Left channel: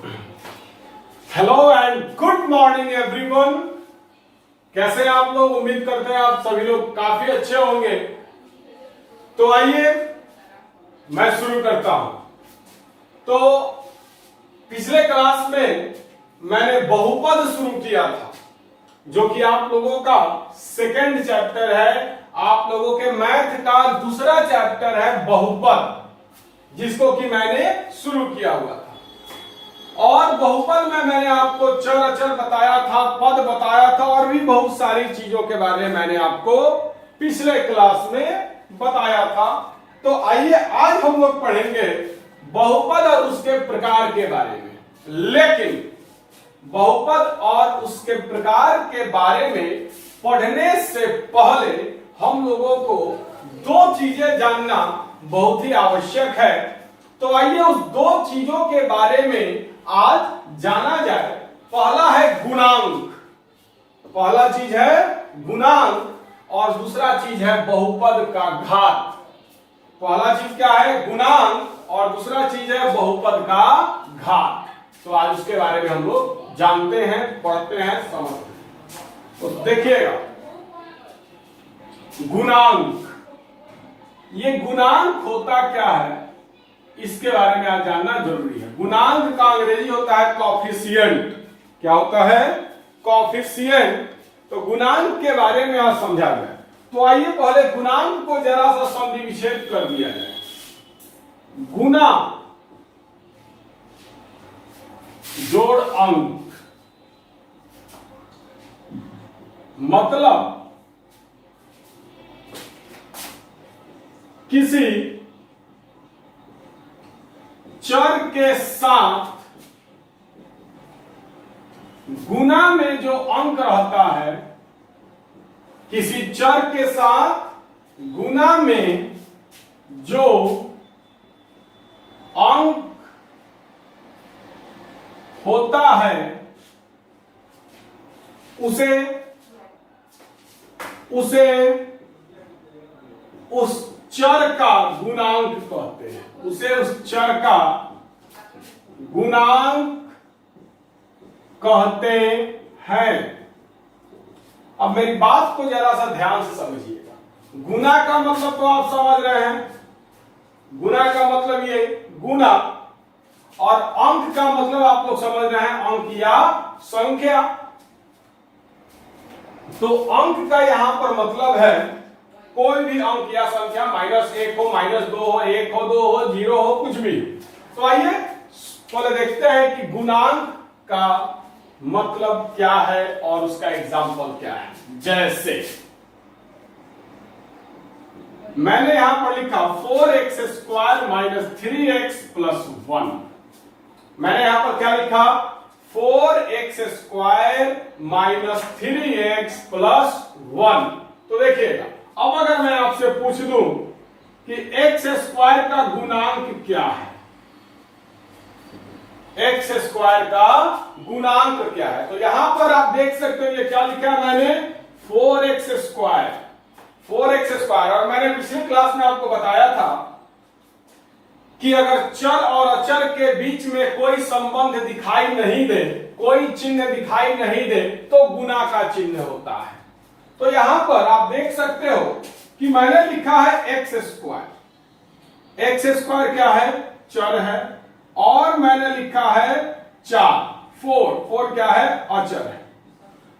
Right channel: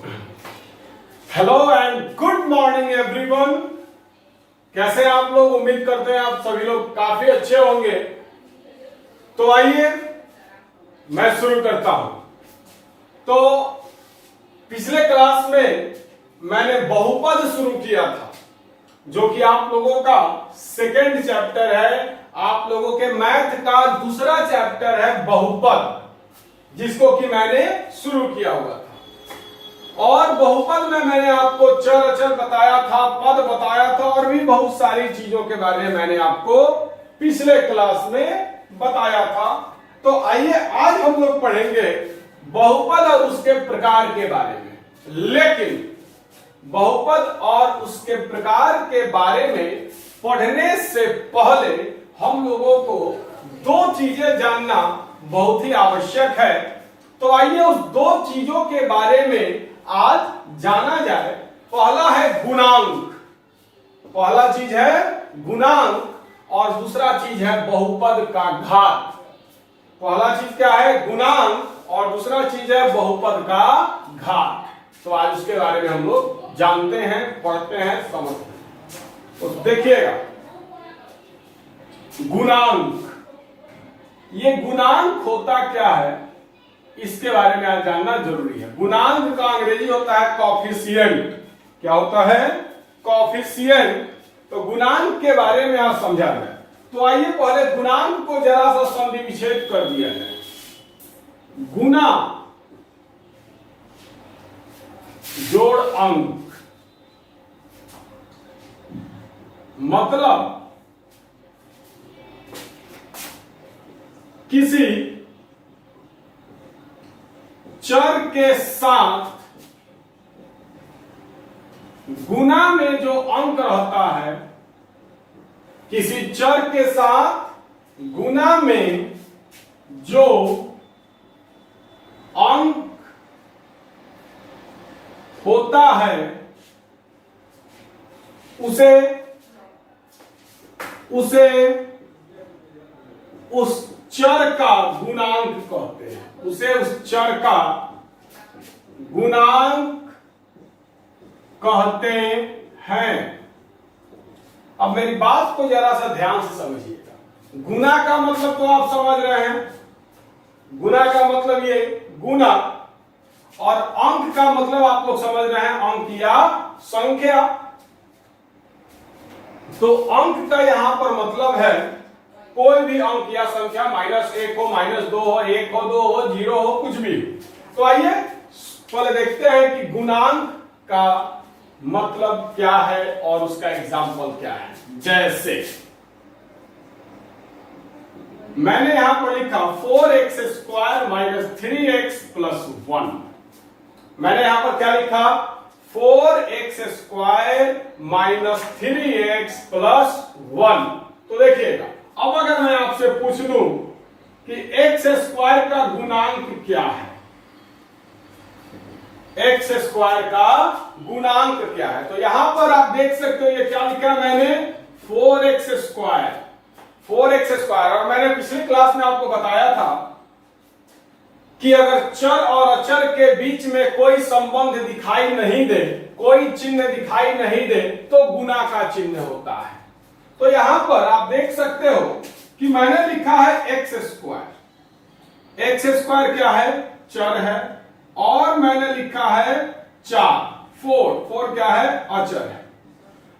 Hello and good morning everyone. कैसे हैं आप लोग? उम्मीद करते हैं आप सभी लोग काफी अच्छे होंगे। तो आइए मैं शुरू करता हूं। तो पिछले क्लास में मैंने बहुपद शुरू किया था, जो कि आप लोगों का सेकेंड चैप्टर है। आप लोगों के मैथ का दूसरा चैप्टर है बहुपद, जिसको कि मैंने शुरू किया हुआ था। और बहुपद में मैंने आपको चर अचर बताया था, पद बताया था, और भी बहुत सारी चीजों के बारे में मैंने आपको पिछले क्लास में बताया था। तो आइए आज हम लोग पढ़ेंगे बहुपद और उसके प्रकार के बारे में। लेकिन बहुपद और उसके प्रकार के बारे में पढ़ने से पहले हम लोगों को दो चीजें जानना बहुत ही आवश्यक है। तो आइए उस दो चीजों के बारे में आज जाना जाए। पहला है गुणांक। पहला चीज है गुणांक और दूसरा चीज है बहुपद का घात। पहला चीज क्या है? गुणांक और दूसरा चीज है बहुपद का घात। तो आज उसके बारे में हम लोग जानते हैं, पढ़ते हैं, समझते हैं। तो देखिएगा, गुणांक, ये गुणांक होता क्या है इसके बारे में आज जानना जरूरी है। गुणांक का अंग्रेजी होता है कॉफिशिएंट। क्या होता है? कॉफिशिएंट। तो गुणांक के बारे में आज समझा जाए। तो आइए पहले गुणांक को जरा सा संधि विच्छेद कर दिया जाए। गुना जोड़ अंक, मतलब किसी चर के साथ गुना में जो अंक रहता है, किसी चर के साथ गुना में जो अंक होता है उसे उस चर का गुणांक कहते हैं। उसे उस चर का गुणांक कहते हैं। अब मेरी बात को जरा सा ध्यान से समझिएगा। गुना का मतलब तो आप समझ रहे हैं। गुना का मतलब ये गुना, और अंक का मतलब आप लोग समझ रहे हैं, अंक या संख्या। तो अंक का यहां पर मतलब है कोई भी अंक या संख्या, -1 हो, -2 हो, 1 हो, 2 हो, 0 हो, कुछ भी। तो आइए पहले देखते हैं कि गुणांक का मतलब क्या है और उसका एग्जाम्पल क्या है। जैसे मैंने यहां पर लिखा 4x² - 3x + 1। मैंने यहां पर क्या लिखा? 4x² - 3x + 1। तो देखिएगा, अब अगर मैं आपसे पूछ लूं कि x² का गुणांक क्या है, x² का गुणांक क्या है, तो यहां पर आप देख सकते हो ये क्या लिखा है मैंने? 4x²। 4x²। और मैंने पिछली क्लास में आपको बताया था कि अगर चर और अचर के बीच में कोई संबंध दिखाई नहीं दे, कोई चिन्ह दिखाई नहीं दे, तो गुना का चिन्ह होता है। तो यहां पर आप देख सकते हो कि मैंने लिखा है x²। x² क्या है? चर है। और मैंने लिखा है 4। 4 क्या है? अचर है।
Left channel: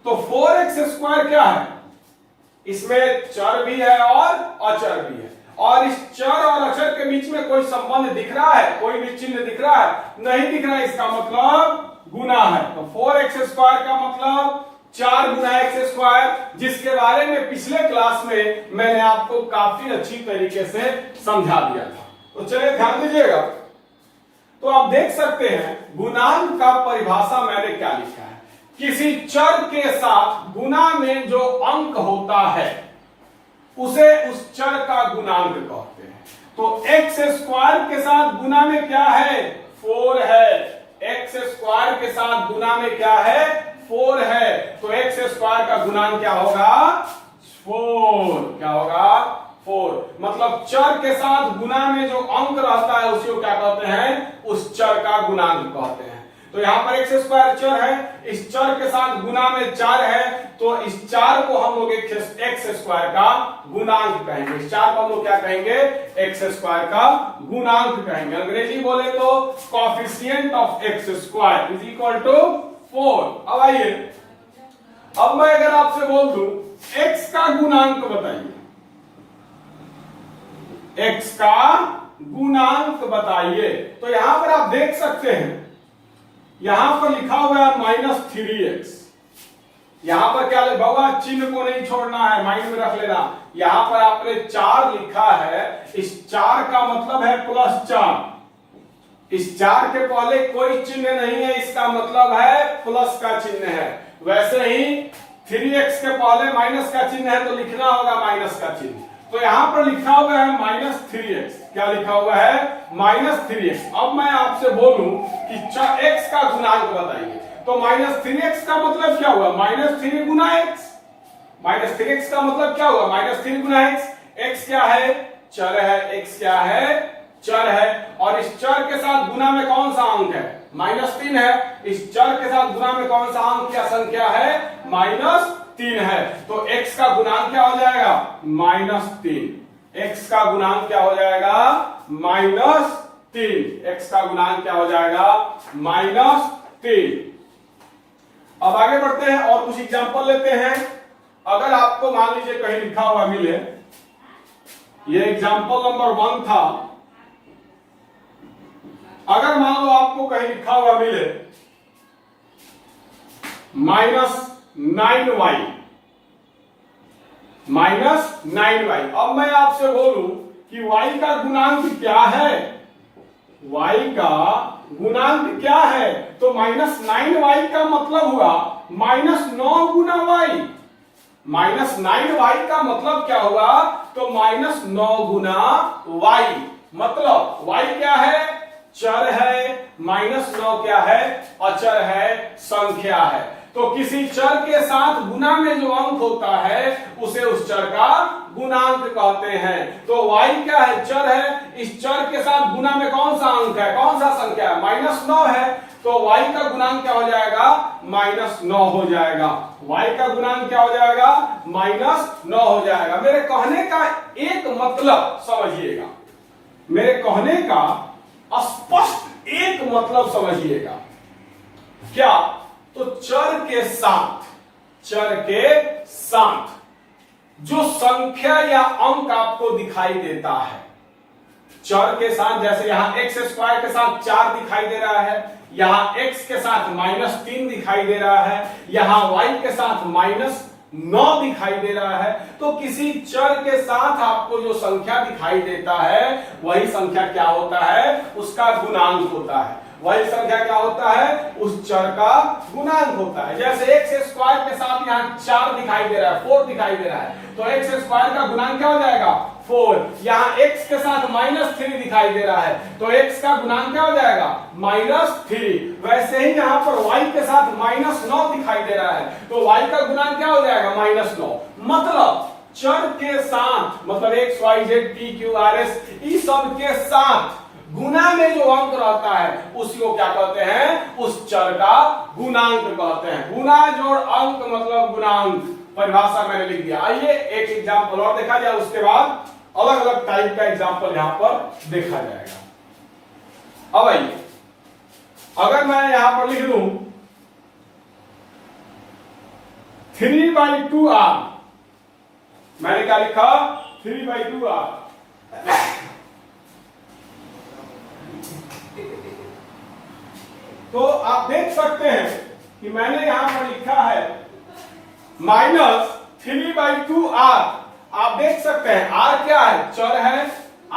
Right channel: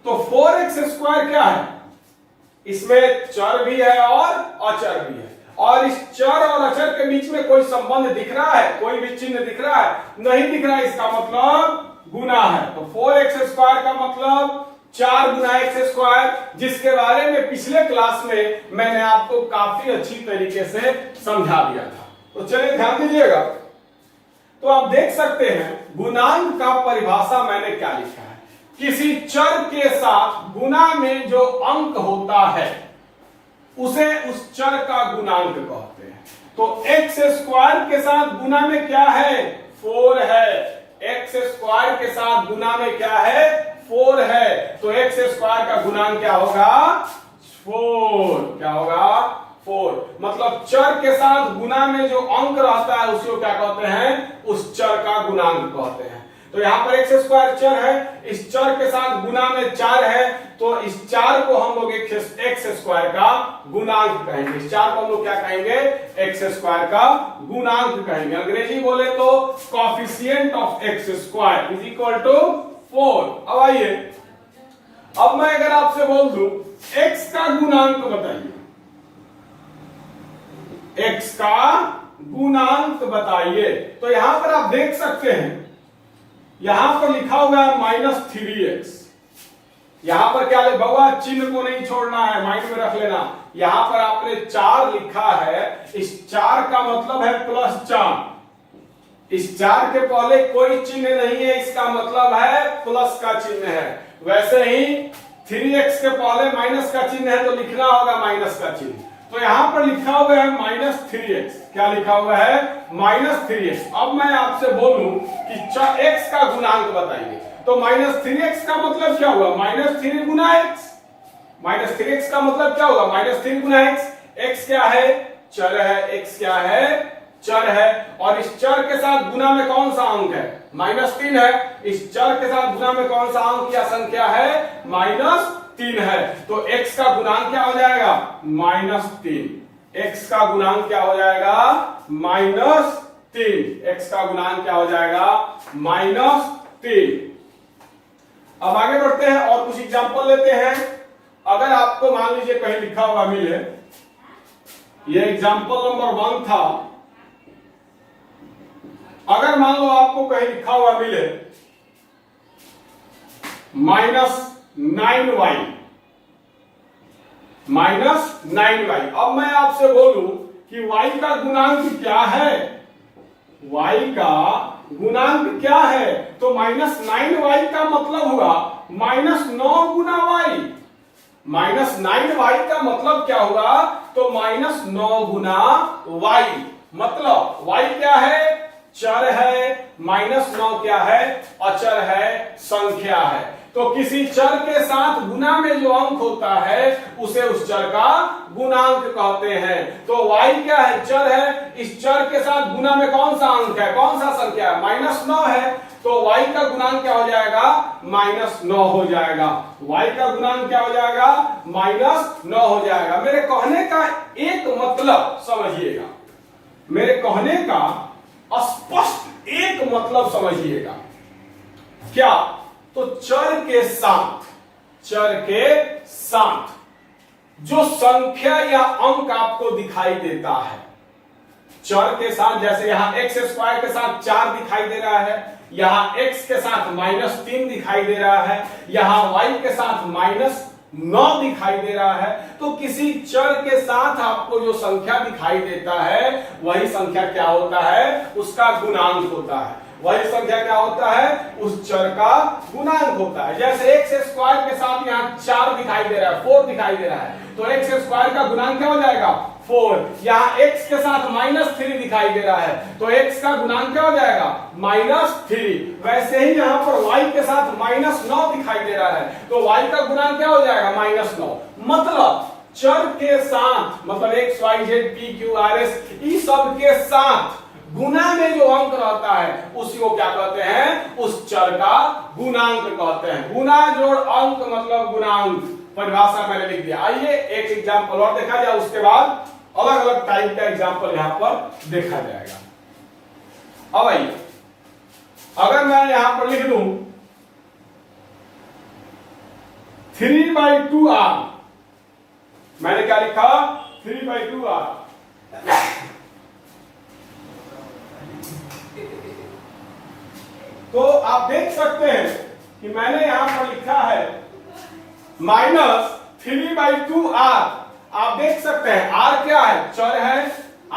तो 4x² क्या है? इसमें चर भी है और अचर भी है। और इस चर और अचर के बीच में कोई संबंध दिख रहा है? कोई भी चिन्ह दिख रहा है? नहीं दिख रहा है। इसका मतलब गुना है। तो 4x² का मतलब 4 गुना x², जिसके बारे में पिछले क्लास में मैंने आपको काफी अच्छी तरीके से समझा दिया था। तो चलिए ध्यान दीजिएगा। तो आप देख सकते हैं गुणांक का परिभाषा मैंने क्या लिखा है? किसी चर के साथ गुना में जो अंक होता है उसे उस चर का गुणांक कहते हैं। तो x² के साथ गुना में क्या है? 4 है। x² के साथ गुना में क्या है? 4 है। तो x² का गुणांक क्या होगा? 4। क्या होगा? 4। मतलब चर के साथ गुना में जो अंक रहता है उसको क्या कहते हैं? उस चर का गुणांक कहते हैं। तो यहाँ पर एक्स स्क्वायर चर है, इस चर के साथ गुना में 4 है, तो इस 4 को हम लोग एक्स स्क्वायर का गुणांक कहेंगे। इस 4 को हम लोग क्या कहेंगे? एक्स स्क्वायर का गुणांक कहेंगे। अंग्रेजी बोले तो coefficient of X square is equal to 4। अब आइए, अब मैं अगर आपसे बोल दूं x का गुणांक बताइए, x का गुणांक बताइए, तो यहां पर आप देख सकते हैं, यहां पर लिखा हुआ है -3x। यहां पर क्या ले बाबा, चिन्ह को नहीं छोड़ना है, माइंड में रख लेना। यहां पर आपने 4 लिखा है, इस 4 का मतलब है +4। इस 4 के पहले कोई चिन्ह नहीं है, इसका मतलब है प्लस का चिन्ह है। वैसे ही 3x के पहले माइनस का चिन्ह है, तो लिखना होगा माइनस का चिन्ह। तो यहां पर लिखा हुआ है -3x। क्या लिखा हुआ है? -3x। अब मैं आपसे बोलूं कि x का गुणांक बताइए, तो -3x का मतलब क्या हुआ? -3 गुना x। -3x का मतलब क्या हुआ? -3 गुना x। x क्या है? चर है। x क्या है? चर है। और इस चर के साथ गुना में कौन सा अंक है? -3 है। इस चर के साथ गुना में कौन सा अंक या संख्या है? -3 है। तो x का गुणांक क्या हो जाएगा? -3। x का गुणांक क्या हो जाएगा? -3। x का गुणांक क्या हो जाएगा? -3। अब आगे बढ़ते हैं और कुछ एग्जांपल लेते हैं। अगर आपको मान लीजिए कहीं लिखा हुआ मिले, ये एग्जांपल नंबर 1 था। अगर मान लो आपको कहीं लिखा हुआ मिले -9y, -9y। अब मैं आपसे बोलूं कि y का गुणांक क्या है? y का गुणांक क्या है? तो -9y का मतलब हुआ -9 गुना y। -9y का मतलब क्या हुआ? तो -9 गुना y। मतलब y क्या है? चर है। -9 क्या है? अचर है, संख्या है। तो किसी चर के साथ गुना में जो अंक होता है उसे उस चर का गुणांक कहते हैं। तो y क्या है? चर है। इस चर के साथ गुना में कौन सा अंक है, कौन सा संख्या है? -9 है। तो y का गुणांक क्या हो जाएगा? -9 हो जाएगा। y का गुणांक क्या हो जाएगा? -9 हो जाएगा। मेरे कहने का एक मतलब समझिएगा, मेरे कहने का स्पष्ट एक मतलब समझिएगा। क्या? तो चर के साथ जो संख्या या अंक आपको दिखाई देता है, चर के साथ, जैसे यहां एक्स स्क्वायर के साथ 4 दिखाई दे रहा है, यहां x के साथ -3 दिखाई दे रहा है, यहां y के साथ -9 दिखाई दे रहा है। तो किसी चर के साथ आपको जो संख्या दिखाई देता है वही संख्या क्या होता है? उसका गुणांक होता है। वही संख्या क्या होता है? उस चर का गुणांक होता है। जैसे एक्स स्क्वायर के साथ यहाँ 4 दिखाई दे रहा है, 4 दिखाई दे रहा है, तो एक्स स्क्वायर का गुणांक क्या हो जाएगा? 4। यहाँ x के साथ -3 दिखाई दे रहा है, तो x का गुणांक क्या हो जाएगा? -3। वैसे ही यहाँ पर y के साथ -9 दिखाई दे रहा है, तो y का गुणांक क्या हो जाएगा? -9। मतलब चर के साथ, मतलब x y z p q r s, इस सब के साथ गुना में जो अंक रहता है उसी को क्या कहते हैं? उस चर का गुणांक कहते हैं। गुना जोड़ अंक मतलब गुणांक, परिभाषा मैंने लिख दिया। आइए एक एग्जांपल और देखा जाए, उसके बाद अलग अलग टाइप का एग्जांपल यहां पर देखा जाएगा। अब आइए, अगर मैं यहां पर लिख लूं 3/2r, मैंने क्या लिखा? 3/2r। तो आप देख सकते हैं कि मैंने यहां पर लिखा है -3/2r। आप देख सकते हैं r क्या है? चर है।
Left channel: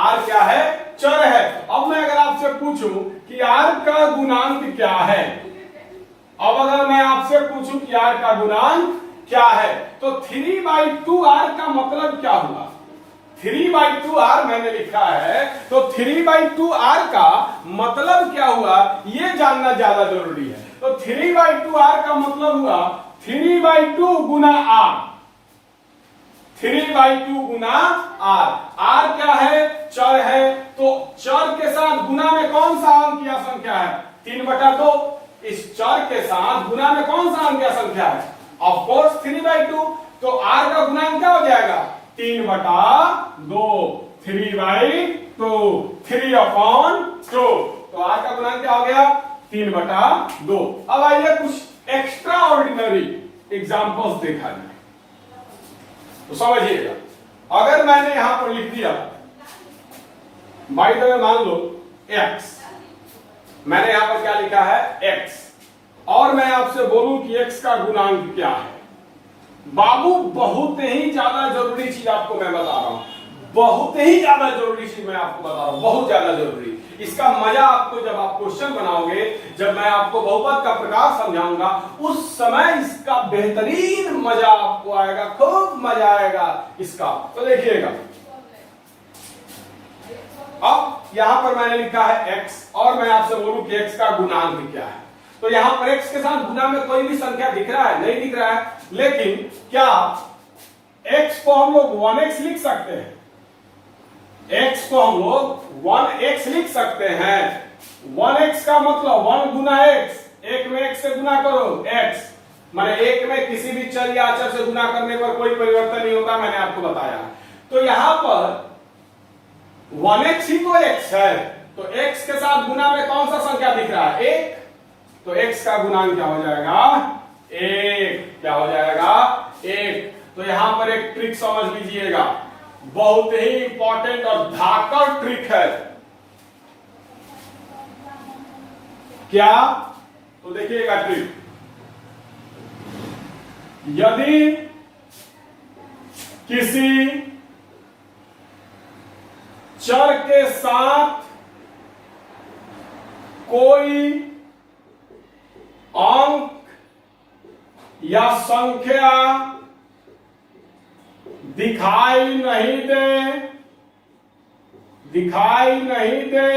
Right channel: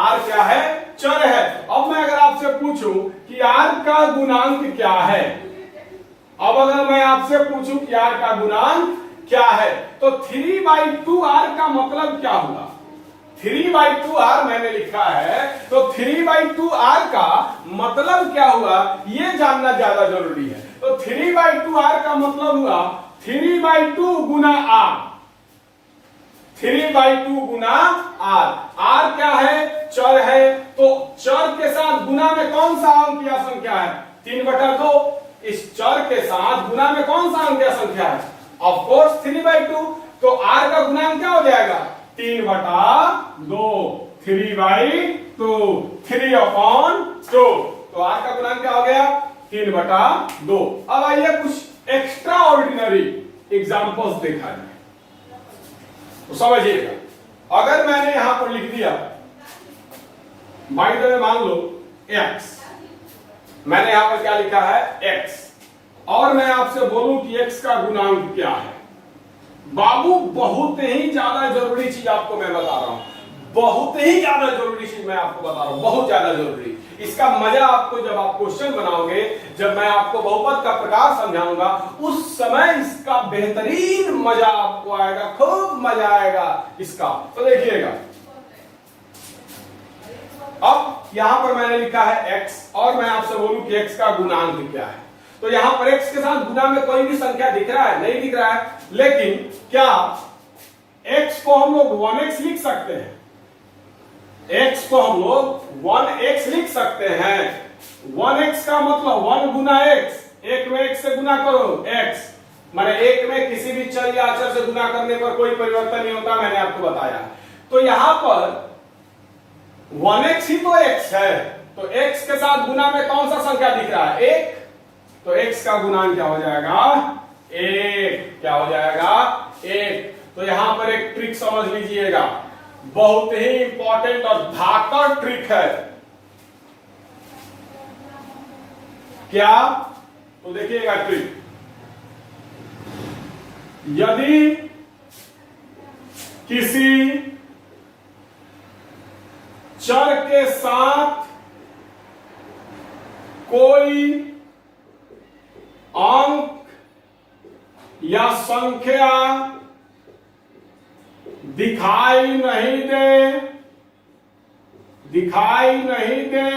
r क्या है? चर है। अब मैं अगर आपसे पूछूं कि r का गुणांक क्या है, अब अगर मैं आपसे पूछूं कि r का गुणांक क्या है, तो 3/2r का मतलब क्या हुआ? 3/2r मैंने लिखा है, तो 3/2r का मतलब क्या हुआ ये जानना ज्यादा जरूरी है। तो 3/2r का मतलब हुआ 3/2 गुना r। 3/2 गुना r। r क्या है? चर है। तो चर के साथ गुना में कौन सा अंक या संख्या है? 3/2। इस चर के साथ गुना में कौन सा अंकीय संख्या है? Of course 3/2। तो r का गुणांक क्या हो जाएगा? 3/2, 3/2, 3/2। तो r का गुणांक क्या हो गया? 3/2। अब आइए कुछ एक्स्ट्रा ऑर्डिनरी एग्जाम्पल्स देखा जाए तो समझिएगा। अगर मैंने यहां पर लिख दिया बाई द वे, मान लो x, मैंने यहां पर क्या लिखा है? x, और मैं आपसे बोलूं कि x का गुणांक क्या है? बाबू बहुत ही ज्यादा जरूरी चीज आपको मैं बता रहा हूं, बहुत ही ज्यादा जरूरी चीज मैं आपको बता रहा हूं, बहुत ज्यादा जरूरी। इसका मजा आपको जब आप क्वेश्चन बनाओगे, जब मैं आपको बहुपद का प्रकार समझाऊंगा, उस समय इसका बेहतरीन मजा आपको आएगा, खूब मजा आएगा इसका। तो देखिएगा, अब यहां पर मैंने लिखा है x, और मैं आपसे बोलूं कि x का गुणांक क्या है। तो यहां पर x के साथ गुना में कोई भी संख्या दिख रहा है? नहीं दिख रहा है। लेकिन क्या x को हम लोग 1x लिख सकते हैं? x को हम लोग 1x लिख सकते हैं। 1x का मतलब 1 गुना x, एक में x से गुना करो x, माने एक में किसी भी चर या अचर से गुना करने पर कोई परिवर्तन नहीं होता, मैंने आपको बताया। तो यहां पर 1x ही तो x है, तो x के साथ गुना में कौन सा संख्या दिख रहा है? 1। तो x का गुणांक क्या हो जाएगा? 1। क्या हो जाएगा? 1। तो यहां पर एक ट्रिक समझ लीजिएगा, बहुत ही इंपॉर्टेंट और धाकड़ ट्रिक है। क्या? तो देखिएगा ट्रिक, यदि किसी चर के साथ कोई अंक या संख्या दिखाई नहीं दे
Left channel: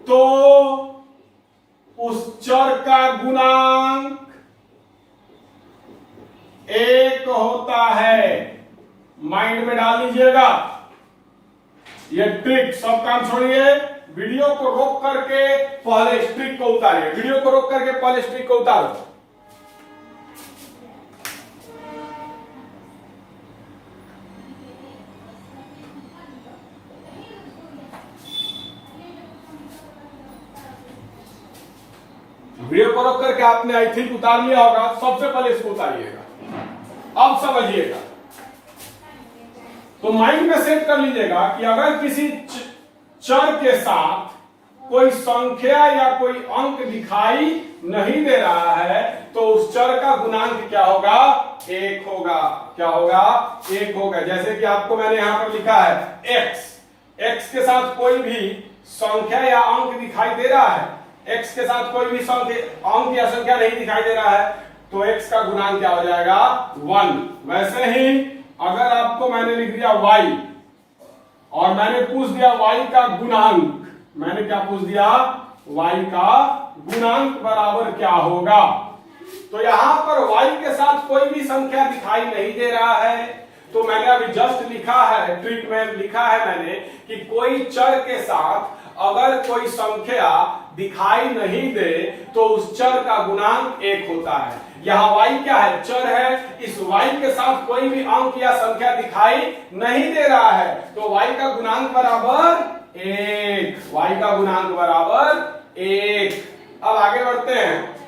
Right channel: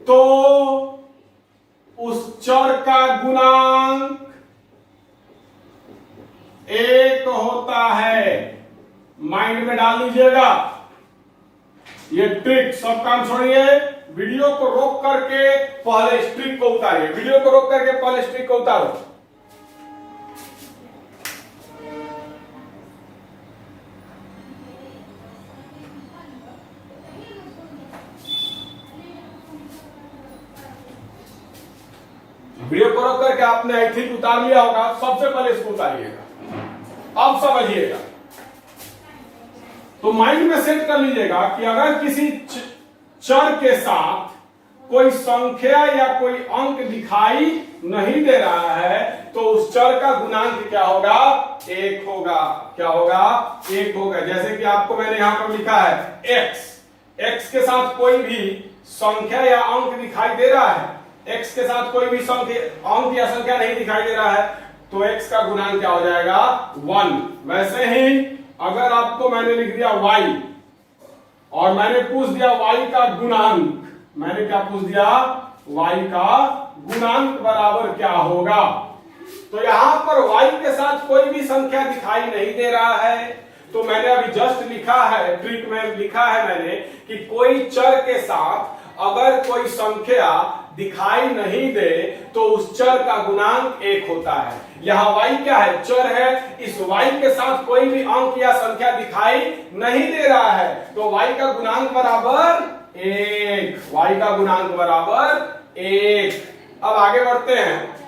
तो उस चर का गुणांक 1 होता है। माइंड में डाल लीजिएगा ये ट्रिक। सब काम छोड़िए, वीडियो को रोक करके पहले इस ट्रिक को उतारिए। वीडियो को रोक करके पहले इस ट्रिक को उतारो। वीडियो को रोक करके आपने आई थिंक उतार लिया होगा। सबसे पहले इसको उतारिएगा। अब समझिएगा, तो माइंड में सेट कर लीजिएगा कि अगर किसी चर के साथ कोई संख्या या कोई अंक दिखाई नहीं दे रहा है तो उस चर का गुणांक क्या होगा? 1 होगा। क्या होगा? 1 होगा। जैसे कि आपको मैंने यहां पर लिखा है x, x के साथ कोई भी संख्या या अंक दिखाई दे रहा है, x के साथ कोई भी अंक या संख्या नहीं दिखाई दे रहा है, तो x का गुणांक क्या हो जाएगा? 1। वैसे ही अगर आपको मैंने लिख दिया y और मैंने पूछ दिया y का गुणांक, मैंने क्या पूछ दिया? y का गुणांक बराबर क्या होगा? तो यहां पर y के साथ कोई भी संख्या दिखाई नहीं दे रहा है, तो मैंने अभी जस्ट लिखा है, ट्रिक में लिखा है मैंने कि कोई चर के साथ अगर कोई संख्या दिखाई नहीं दे तो उस चर का गुणांक 1 होता है। यहां y क्या है? चर है। इस y के साथ कोई भी अंक या संख्या दिखाई नहीं दे रहा है, तो y का गुणांक बराबर 1। y का गुणांक बराबर 1। अब आगे बढ़ते हैं।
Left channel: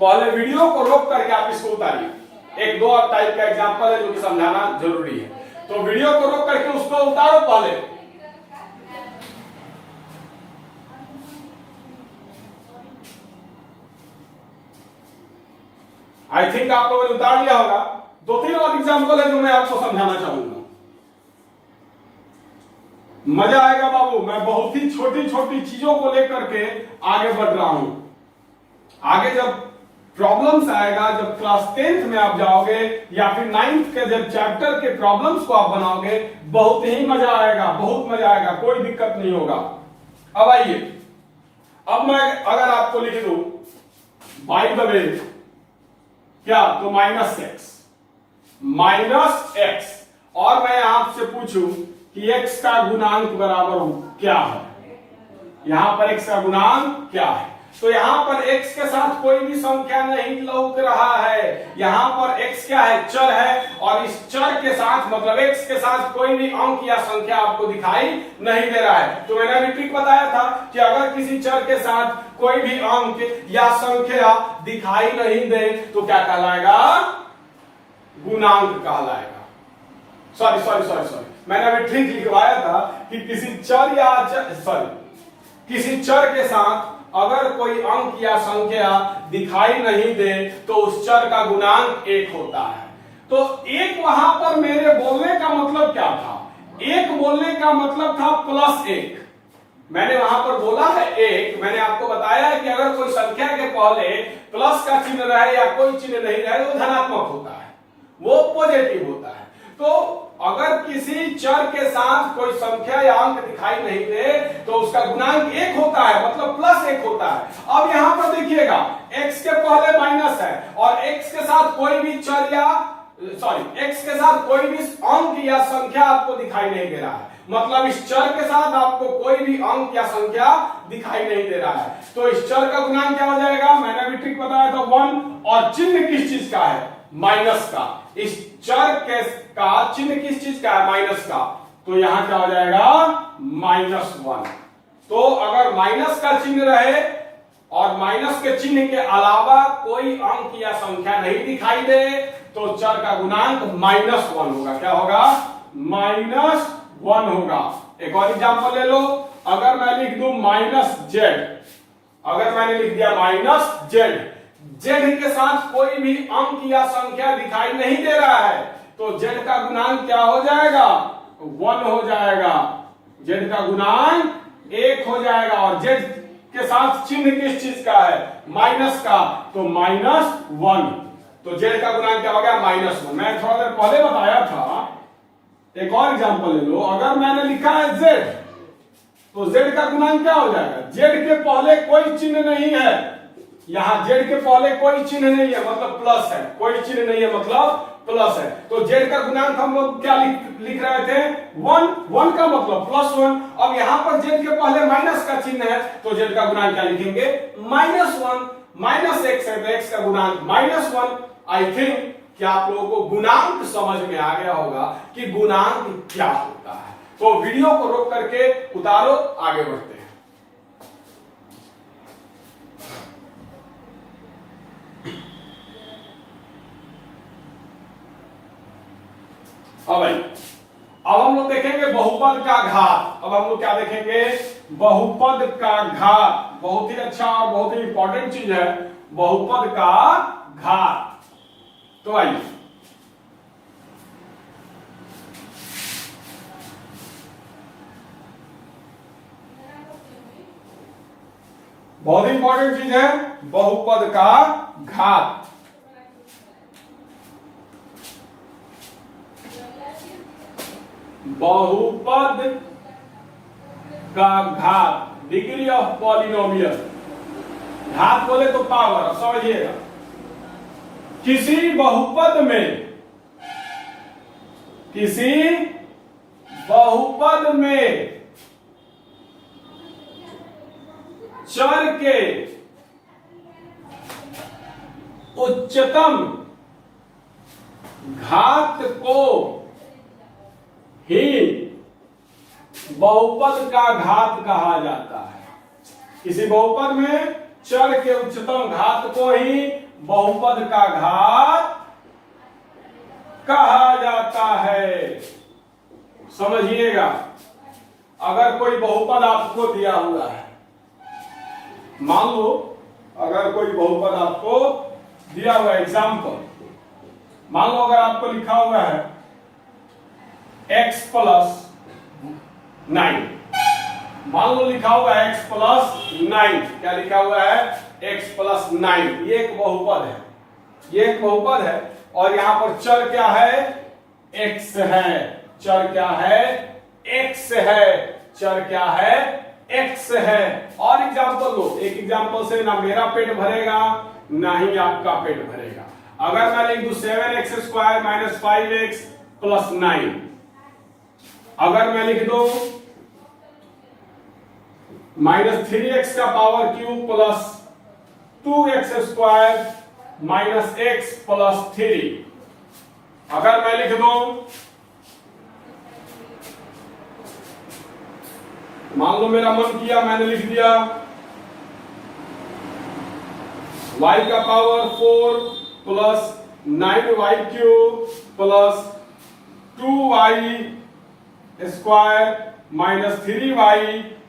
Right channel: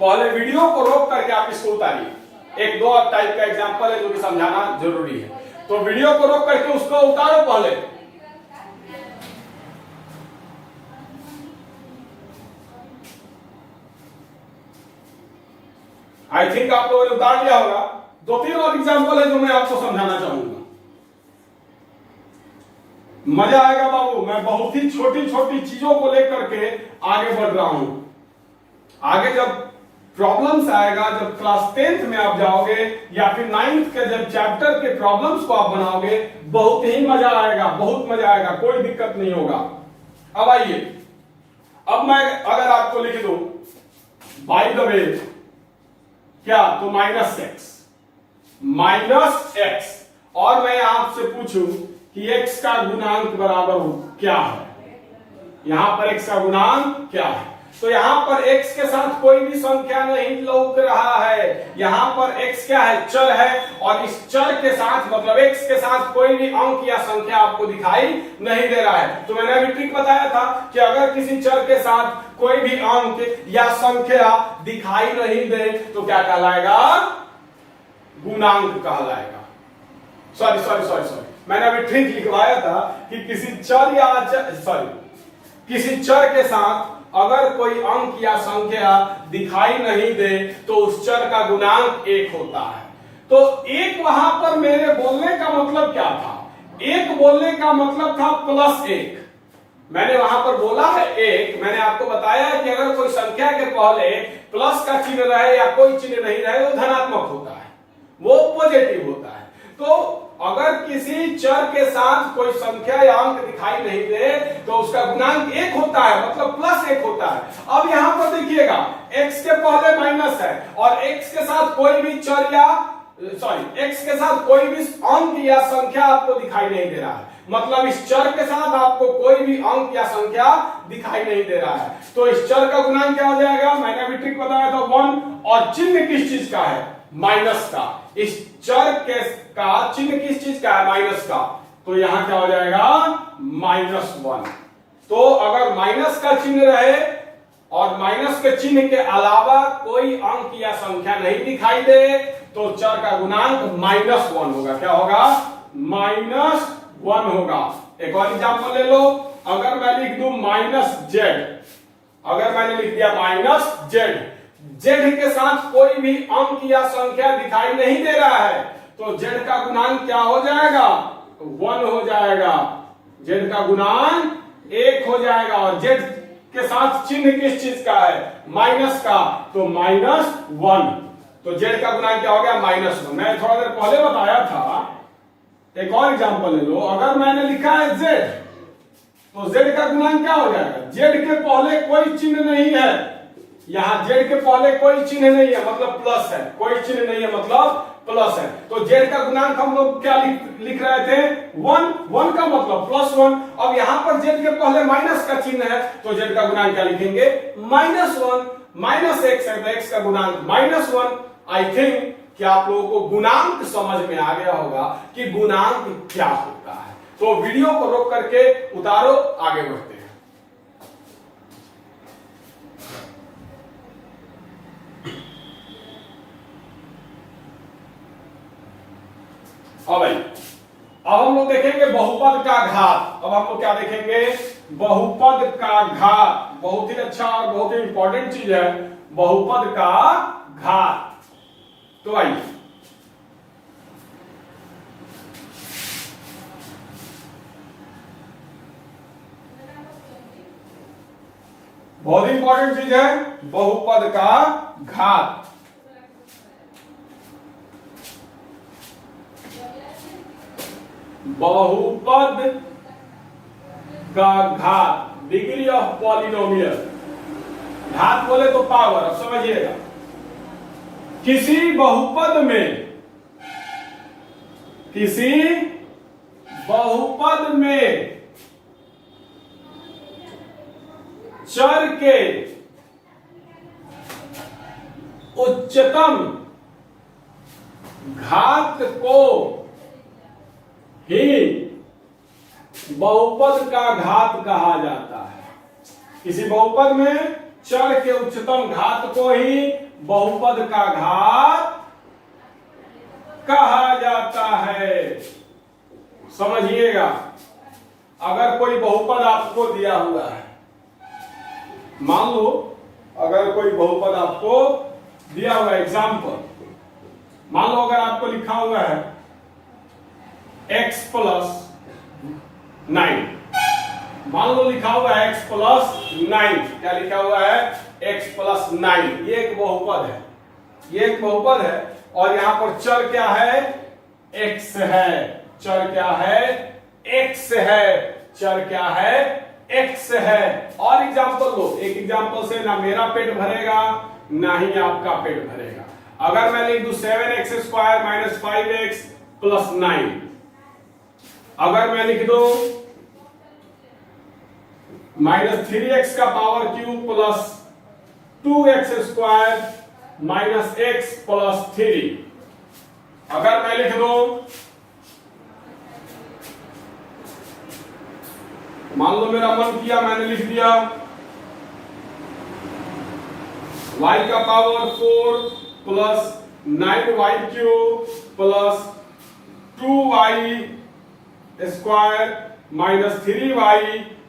पहले वीडियो को रोक करके आप इसको उतारिए। एक दो टाइप का एग्जांपल है जो कि समझाना जरूरी है, तो वीडियो को रोक करके उसको उतारो पहले। आई थिंक आप लोगों ने उतार लिया होगा। 2-3 और एग्जांपल है जो मैं आपको समझाना चाहूंगा, मजा आएगा बाबू। मैं बहुत ही छोटी छोटी चीजों को लेकर के आगे बढ़ रहा हूं। आगे जब प्रॉब्लम्स आएगा, जब क्लास 10th में आप जाओगे या फिर 9th के जब चैप्टर के प्रॉब्लम्स को आप बनाओगे, बहुत ही मजा आएगा, बहुत मजा आएगा, कोई दिक्कत नहीं होगा। अब आइए, अब मैं अगर आपको लिख दूं बाय द वे क्या, तो -x, और मैं आपसे पूछूं कि x का गुणांक बराबर क्या है, यहां पर x का गुणांक क्या है। तो यहां पर x के साथ कोई भी संख्या नहीं लौक रहा है। यहां पर x क्या है, चर है, और इस चर के साथ मतलब x के साथ कोई भी अंक या संख्या आपको दिखाई नहीं दे रहा है। तो मैंने अभी ट्रिक बताया था कि अगर किसी चर के साथ कोई भी अंक या संख्या दिखाई नहीं दे तो क्या कहलाएगा, गुणांक कहलाएगा। सॉरी मैंने अभी ट्रिक लिखवाया था कि किसी चर या किसी चर के साथ अगर कोई अंक या संख्या दिखाई नहीं दे तो उस चर का गुणांक 1 होता है। तो एक वहां पर मेरे बोलने का मतलब क्या था, एक बोलने का मतलब था +1। मैंने वहां पर बोला है 1, मैंने आपको बताया है कि अगर कोई संख्या के पहले प्लस का चिन्ह रहे या कोई चिन्ह नहीं रहे तो धनात्मक होता है, वो पॉजिटिव होता है। तो अगर किसी चर के साथ कोई संख्या या अंक दिखाई नहीं दे तो उसका गुणांक 1 होता है, मतलब +1 होता है। अब यहां पर देखिएगा x के पहले माइनस है और x के साथ कोई भी चर या x के साथ कोई भी अंक या संख्या आपको दिखाई नहीं दे रहा है, मतलब इस चर के साथ आपको कोई भी अंक या संख्या दिखाई नहीं दे रहा है। तो इस चर का गुणांक क्या हो जाएगा, मैंने अभी ट्रिक बताया था 1, और चिन्ह किस चीज का है, माइनस का। इस चर के का चिन्ह किस चीज का है, माइनस का। तो यहां क्या हो जाएगा, -1। तो अगर माइनस का चिन्ह रहे और माइनस के चिन्ह के अलावा कोई अंक या संख्या नहीं दिखाई दे तो चर का गुणांक -1 होगा। क्या होगा, -1 होगा। एक और एग्जांपल ले लो, अगर मैं लिख दूं -z, अगर मैंने लिख दिया -z, z के साथ कोई भी अंक या संख्या दिखाई नहीं दे रहा है तो z का गुणांक क्या हो जाएगा, 1 हो जाएगा। z का गुणांक 1 हो जाएगा, और z के साथ चिन्ह किस चीज का है, माइनस का, तो -1। तो z का गुणांक क्या हो गया, -1। मैं थोड़ा देर पहले बताया था, एक और एग्जांपल ले लो, अगर मैंने लिखा है z, तो z का गुणांक क्या हो जाएगा, z के पहले कोई चिन्ह नहीं है, यहां z के पहले कोई चिन्ह नहीं है मतलब प्लस है, कोई चिन्ह नहीं है मतलब प्लस है। तो z का गुणांक हम लोग क्या लिख रहे थे, 1 का मतलब +1। अब यहां पर z के पहले माइनस का चिन्ह है तो z का गुणांक क्या लिखेंगे, -1। -x है तो x का गुणांक -1। आई थिंक कि आप लोगों को गुणांक समझ में आ गया होगा कि गुणांक क्या होता है। तो वीडियो को रोक करके उतारो, आगे बढ़ते हैं। अब हम लोग देखेंगे बहुपद का घात। अब हम लोग क्या देखेंगे, बहुपद का घात। बहुत ही अच्छा और बहुत ही इंपॉर्टेंट चीज है बहुपद का घात। तो आइए, बहुत ही इंपॉर्टेंट चीज है बहुपद का घात। बहुपद का घात, डिग्री ऑफ पॉलिनोमियल। घात बोले तो पावर। अब समझिएगा, किसी बहुपद में चर के उच्चतम घात को ही बहुपद का घात कहा जाता है। किसी बहुपद में चर के उच्चतम घात को ही बहुपद का घात कहा जाता है। समझिएगा, अगर कोई बहुपद आपको दिया हुआ है, मान लो अगर कोई बहुपद आपको दिया हुआ, एग्जाम्पल मान लो अगर आपको लिखा हुआ है x + 9, मान लो लिखा हुआ है x + 9, क्या लिखा हुआ है, x + 9। ये एक बहुपद है, ये एक बहुपद है, और यहां पर चर क्या है, x है। चर क्या है, x है। चर क्या है, x है। और एग्जाम्पल लो, एक एग्जाम्पल से ना मेरा पेट भरेगा ना ही आपका पेट भरेगा। अगर मैं लिख दूं 7x² - 5x + 9, अगर मैं लिख दूं माइनस 3x का power cube plus 2x square minus x plus 3। अगर मैं लिख दूं, मान लो मेरा मन किया, मैंने लिख दिया y का power 4 plus 9y cube plus 2y square minus 3y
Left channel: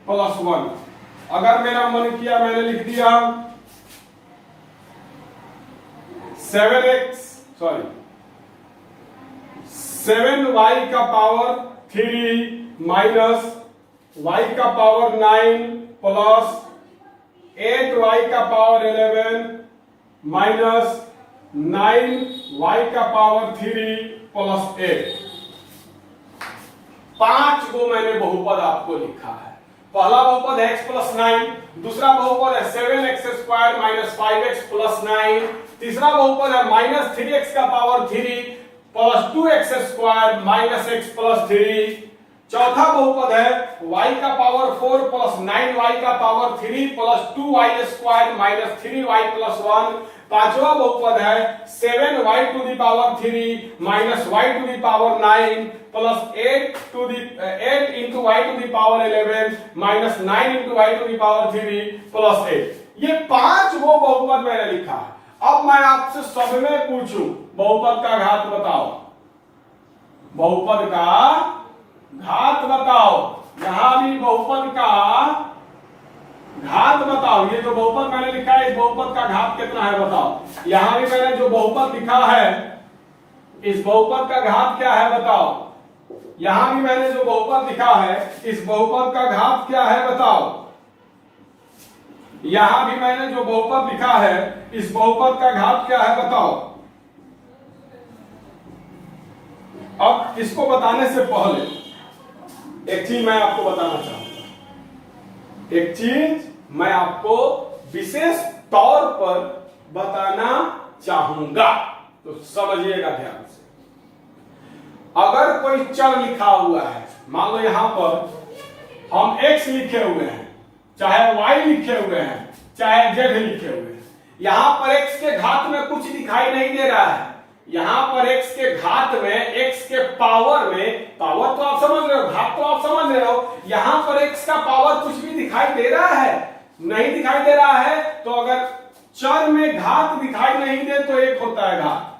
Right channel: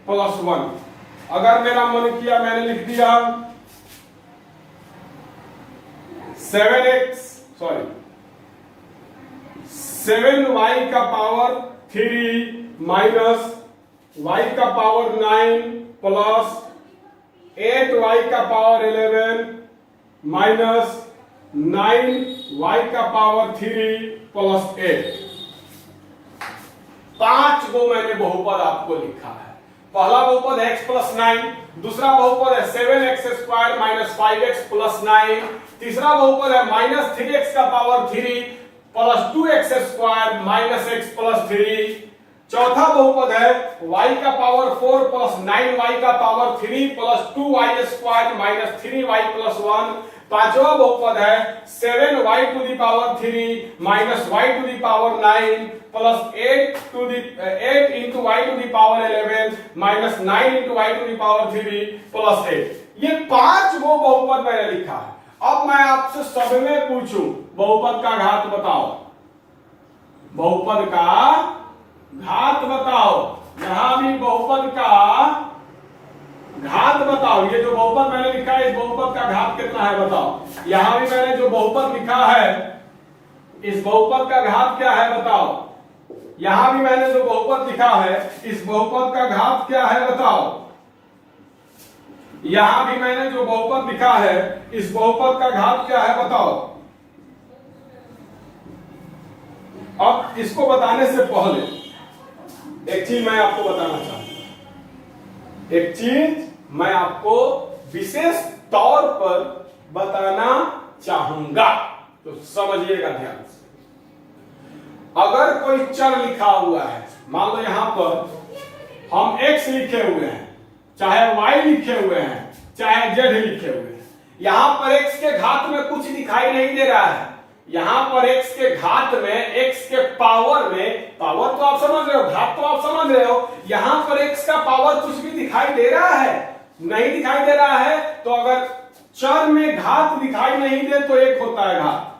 plus 1। अगर मेरा मन किया, मैंने लिख दिया 7y का पावर 3 माइनस y का पावर 9 प्लस 8y का पावर 11 माइनस 9y का पावर 3 प्लस 8। 5 को मैंने बहुपद आपको लिखा है। पहला बहुपद है x प्लस 9, दूसरा बहुपद है 7x square minus 5x plus 9, तीसरा बहुपद है माइनस 3x का power 3 plus 2x square minus x plus 3, चौथा बहुपद है y का पावर 4 प्लस 9y का power 3 plus 2y square minus 3y plus 1, पांचवा बहुपद है 7y to the power 3 minus y to the power 9 plus 8 into y to the power 11 minus 9 into y to the power 3 plus 8। ये 5 वो बहुपद मैंने लिखा है। अब मैं आपसे सब में पूछूं, बहुपद का घात बताओ, बहुपद का घात बताओ। यहां भी बहुपद का घात बताओ। ये जो बहुपद मैंने लिखा है, इस बहुपद का घात कितना है बताओ। यहां भी मैंने जो बहुपद लिखा है, इस बहुपद का घात क्या है बताओ। यहां भी मैंने जो बहुपद लिखा है, इस बहुपद का घात क्या है बताओ। यहां भी मैंने जो बहुपद लिखा है, इस बहुपद का घात क्या है बताओ। अब इसको बताने से पहले एक चीज मैं आपको बताना चाहूंगा। एक चीज मैं आपको विशेष तौर पर बताना चाहूंगा, तो समझिएगा ध्यान से। अगर कोई चर लिखा हुआ है, मान लो यहां पर हम x लिखे हुए हैं, चाहे y लिखे हुए हैं, चाहे z लिखे हुए हैं, यहां पर x के घात में कुछ दिखाई नहीं दे रहा है। यहां पर x के घात में, x के पावर में, पावर तो आप समझ रहे हो, घात तो आप समझ रहे हो, यहां पर x का पावर कुछ भी दिखाई दे रहा है? नहीं दिखाई दे रहा है। तो अगर चर में घात दिखाई नहीं दे तो एक होता है घात।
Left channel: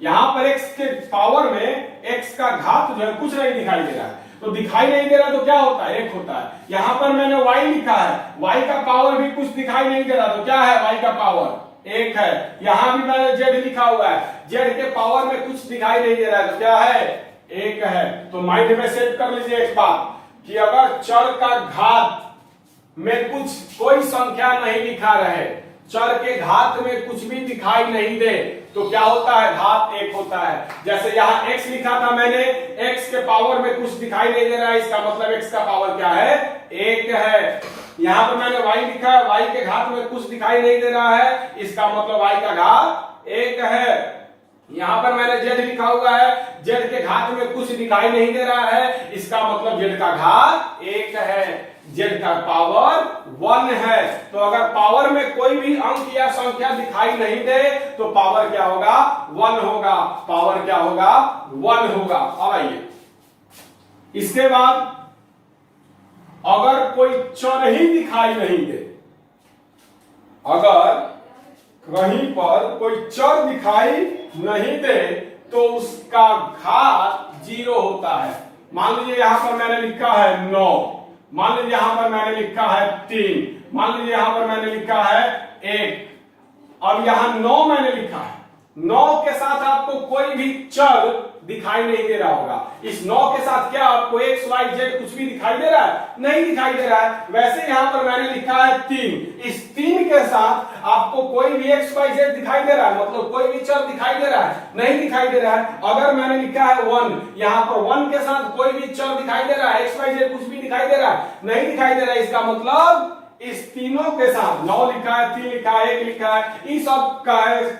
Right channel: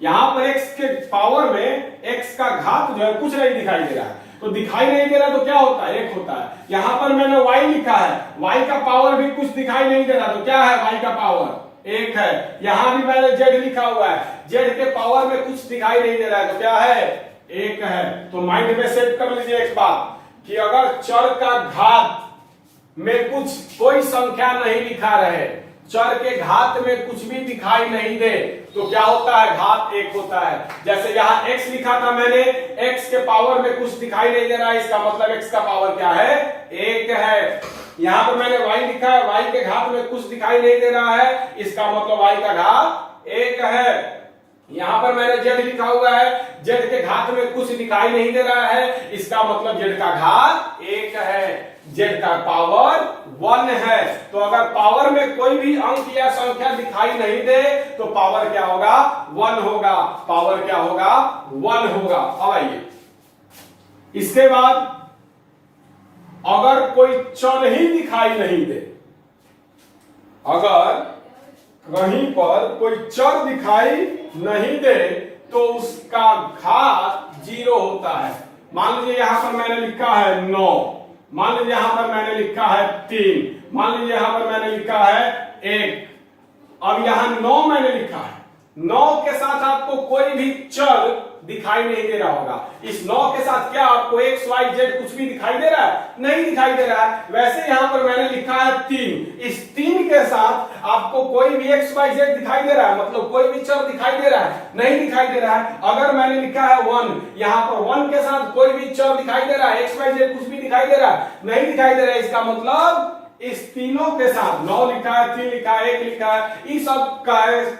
यहां पर x के पावर में x का घात जो है कुछ नहीं दिखाई दे रहा है, तो दिखाई नहीं दे रहा तो क्या होता है? एक होता है। यहां पर मैंने y लिखा है, y का पावर भी कुछ दिखाई नहीं दे रहा, तो क्या है? y का पावर एक है। यहां भी मैंने z लिखा हुआ है, z के पावर में कुछ दिखाई नहीं दे रहा है, तो क्या है? एक है। तो माइंड में सेट कर लीजिए एक बात कि अगर चर का घात में कुछ कोई संख्या नहीं दिखा रहे, चर के घात में कुछ भी दिखाई नहीं दे, तो क्या होता है? घात एक होता है। जैसे यहां x लिखा था मैंने, x के पावर में कुछ दिखाई नहीं दे रहा है, इसका मतलब x का पावर क्या है? एक है। यहां पर मैंने y लिखा है, y के घात में कुछ दिखाई नहीं दे रहा है, इसका मतलब y का घात एक है। यहां पर मैंने z लिखा हुआ है, z के घात में कुछ दिखाई नहीं दे रहा है, इसका मतलब z का घात एक है, z का पावर 1 है। तो अगर पावर में कोई भी अंक या संख्या दिखाई नहीं दे तो पावर क्या होगा? 1 होगा। पावर क्या होगा? 1 होगा। अब आइए, इसके बाद अगर कोई चर ही दिखाई नहीं दे, अगर कहीं पर कोई चर दिखाई नहीं दे तो उसका घात 0 होता है। मान लीजिए यहां पर मैंने लिखा है 9, मान लीजिए यहां पर मैंने लिखा है 3, मान लीजिए यहां पर मैंने लिखा है 1। अब यहां 9 मैंने लिखा है, 9 के साथ आपको कोई भी चर दिखाई नहीं दे रहा होगा। इस 9 के साथ क्या आपको x, y, z कुछ भी दिखाई दे रहा है? नहीं दिखाई दे रहा है। वैसे यहां पर मैंने लिखा है 3, इस 3 के साथ आपको कोई भी x, y, z दिखाई दे रहा है? मतलब कोई भी चर दिखाई दे रहा है? नहीं दिखाई दे रहा है। अगर मैंने लिखा है 1, यहां पर 1 के साथ कोई भी चर दिखाई दे रहा है? x, y, z कुछ भी दिखाई दे रहा है? नहीं दिखाई दे रहा है। इसका मतलब इस तीनों के साथ, 9 लिखा है, 3 लिखा है, 1 लिखा है, इस सब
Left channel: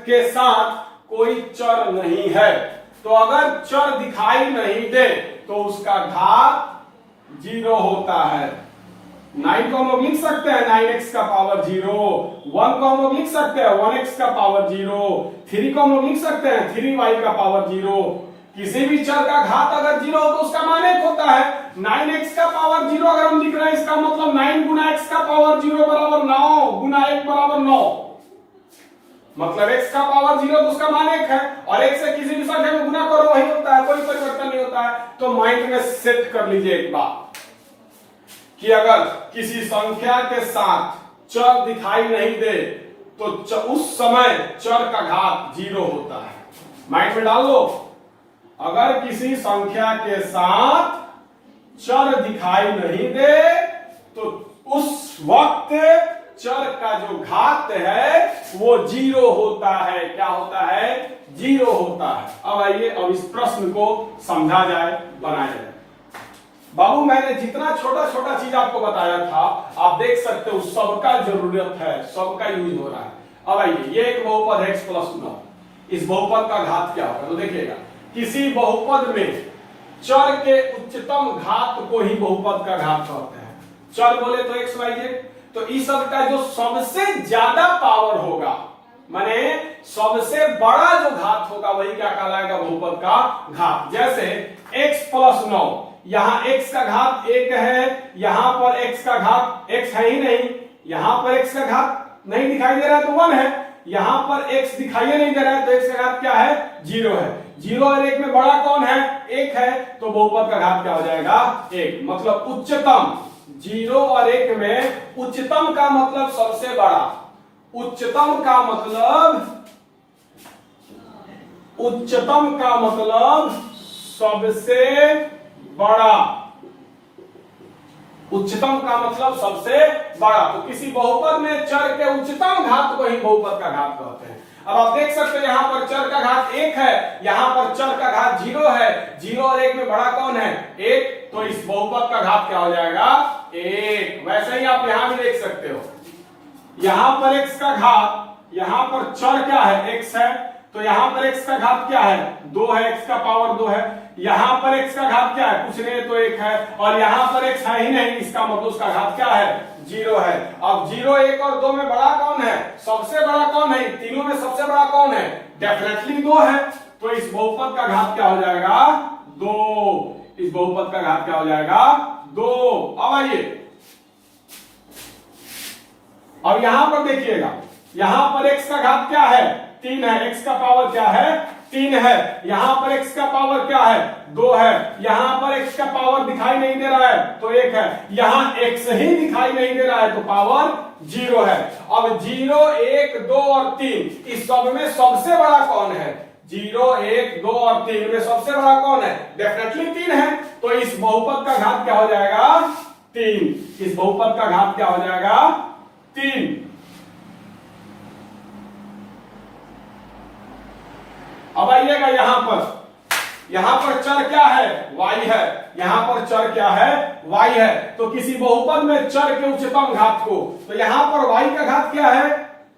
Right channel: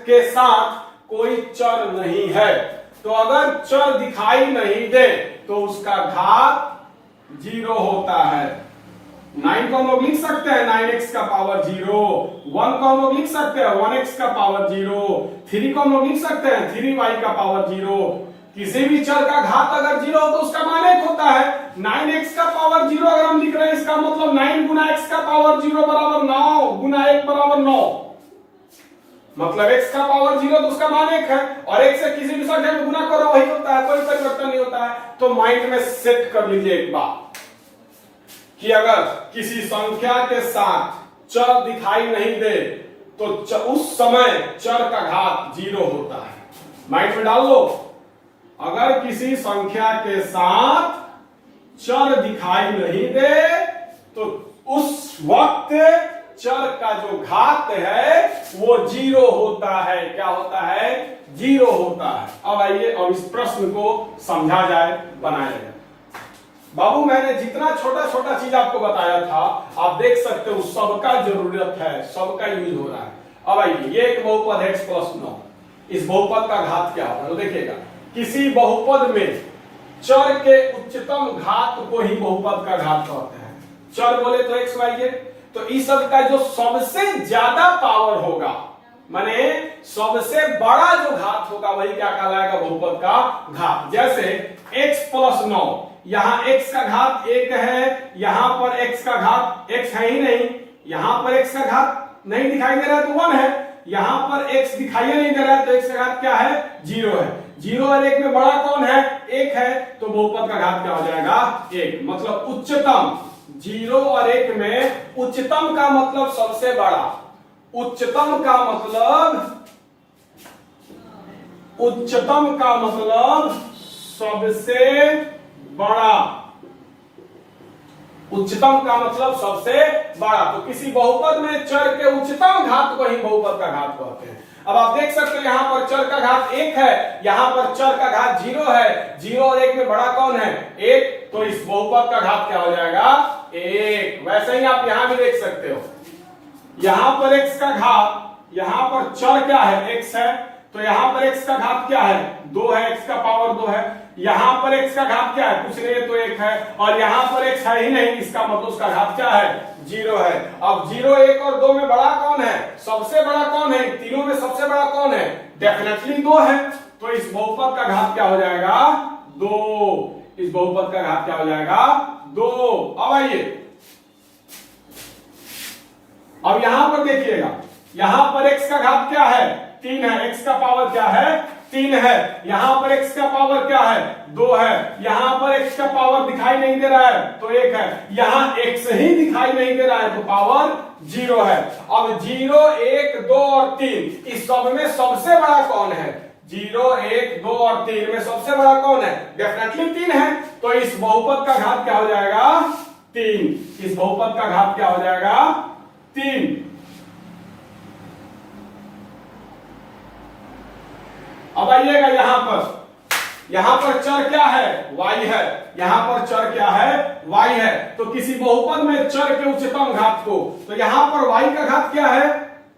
के साथ कोई चर नहीं है। तो अगर चर दिखाई नहीं दे तो उसका घात 0 होता है। 9 को हम लोग लिख सकते हैं 9x का पावर 0, 1 को हम लोग लिख सकते हैं 1x का पावर 0, 3 को हम लोग लिख सकते हैं 3y का पावर 0। किसी भी चर का घात अगर 0 हो तो उसका मान 1 होता है। 9x का पावर 0 अगर हम लिख रहे हैं, इसका मतलब 9 गुना x का पावर 0 बराबर 9 गुना 1 बराबर 9, मतलब x का पावर 0 तो उसका मान 1 है, और 1 से किसी भी संख्या में गुना करो वही होता है, कोई परिवर्तन नहीं होता है। तो माइंड में सेट कर लीजिए एक बात कि अगर किसी संख्या के साथ चर दिखाई नहीं दे तो उस समय चर का घात 0 होता है। माइंड में डाल लो, अगर किसी संख्या के साथ चर दिखाई नहीं दे तो उस वक्त चर का जो घात है वो 0 होता है। क्या होता है? 0 होता है। अब आइए अब इस प्रश्न को समझा जाए, बनाया जाए। बाबू मैंने जितना छोटा छोटा चीज आपको बताया था आप देख सकते हो सबका जरूरत है, सबका यूज हो रहा है। अब आइए, ये एक बहुपद है x प्लस 9, इस बहुपद का घात क्या होगा? तो देखिएगा, किसी बहुपद में चर के उच्चतम घात को ही बहुपद का घात कहते हैं। चर बोले तो x y z, तो इस सब का जो सबसे ज्यादा पावर होगा, माने सबसे बड़ा जो घात होगा वही क्या कहलाएगा? बहुपद का घात। जैसे x प्लस 9, यहां x का घात 1 है, यहां पर x का घात x है ही नहीं, यहां पर x का घात नहीं दिखाई दे रहा है तो 1 है, यहां पर x दिखाई नहीं दे रहा है तो x का घात क्या है? 0 है। 0 और 1 में बड़ा कौन है? 1 है, तो बहुपद का घात क्या हो जाएगा? 1। मतलब उच्चतम, 0 और 1 में उच्चतम का मतलब सबसे बड़ा, उच्चतम का मतलब, उच्चतम का मतलब सबसे बड़ा, उच्चतम का मतलब सबसे बड़ा। तो किसी बहुपद में चर के उच्चतम घात को ही बहुपद का घात कहते हैं। अब आप देख सकते हैं यहां पर चर का घात 1 है, यहां पर चर का घात 0 है, 0 और 1 में बड़ा कौन है? 1, तो इस बहुपद का घात क्या हो जाएगा? 1। वैसे ही आप यहां भी देख सकते हो, यहां पर x का घात, यहां पर चर क्या है? x है, तो यहां पर x का घात क्या है? 2 है, x का पावर 2 है। यहां पर x का घात क्या है? कुछ नहीं तो 1 है, और यहां पर x है ही नहीं, इसका मतलब उसका घात क्या है? 0 है। अब 0, 1 और 2 में बड़ा कौन है? सबसे बड़ा कौन है? तीनों में सबसे बड़ा कौन है? डेफिनेटली 2 है, तो इस बहुपद का घात क्या हो जाएगा? 2। इस बहुपद का घात क्या हो जाएगा? 2। अब आइए, अब यहां पर देखिएगा, यहां पर x का घात क्या है? 3 है, x का पावर क्या है? 3 है। यहां पर x का पावर क्या है? 2 है। यहां पर x का पावर दिखाई नहीं दे रहा है तो 1 है, यहां x ही दिखाई नहीं दे रहा है तो पावर 0 है। अब 0, 1, 2 और 3 इस सब में सबसे बड़ा कौन है? 0, 1, 2 और 3 में सबसे बड़ा कौन है? डेफिनेटली 3 है, तो इस बहुपद का घात क्या हो जाएगा? 3। इस बहुपद का घात क्या हो जाएगा? 3। अब आइएगा यहां पर चर क्या है? y है, यहां पर चर क्या है? y है। तो किसी बहुपद में चर के उच्चतम घात को, तो यहां पर y का घात क्या है?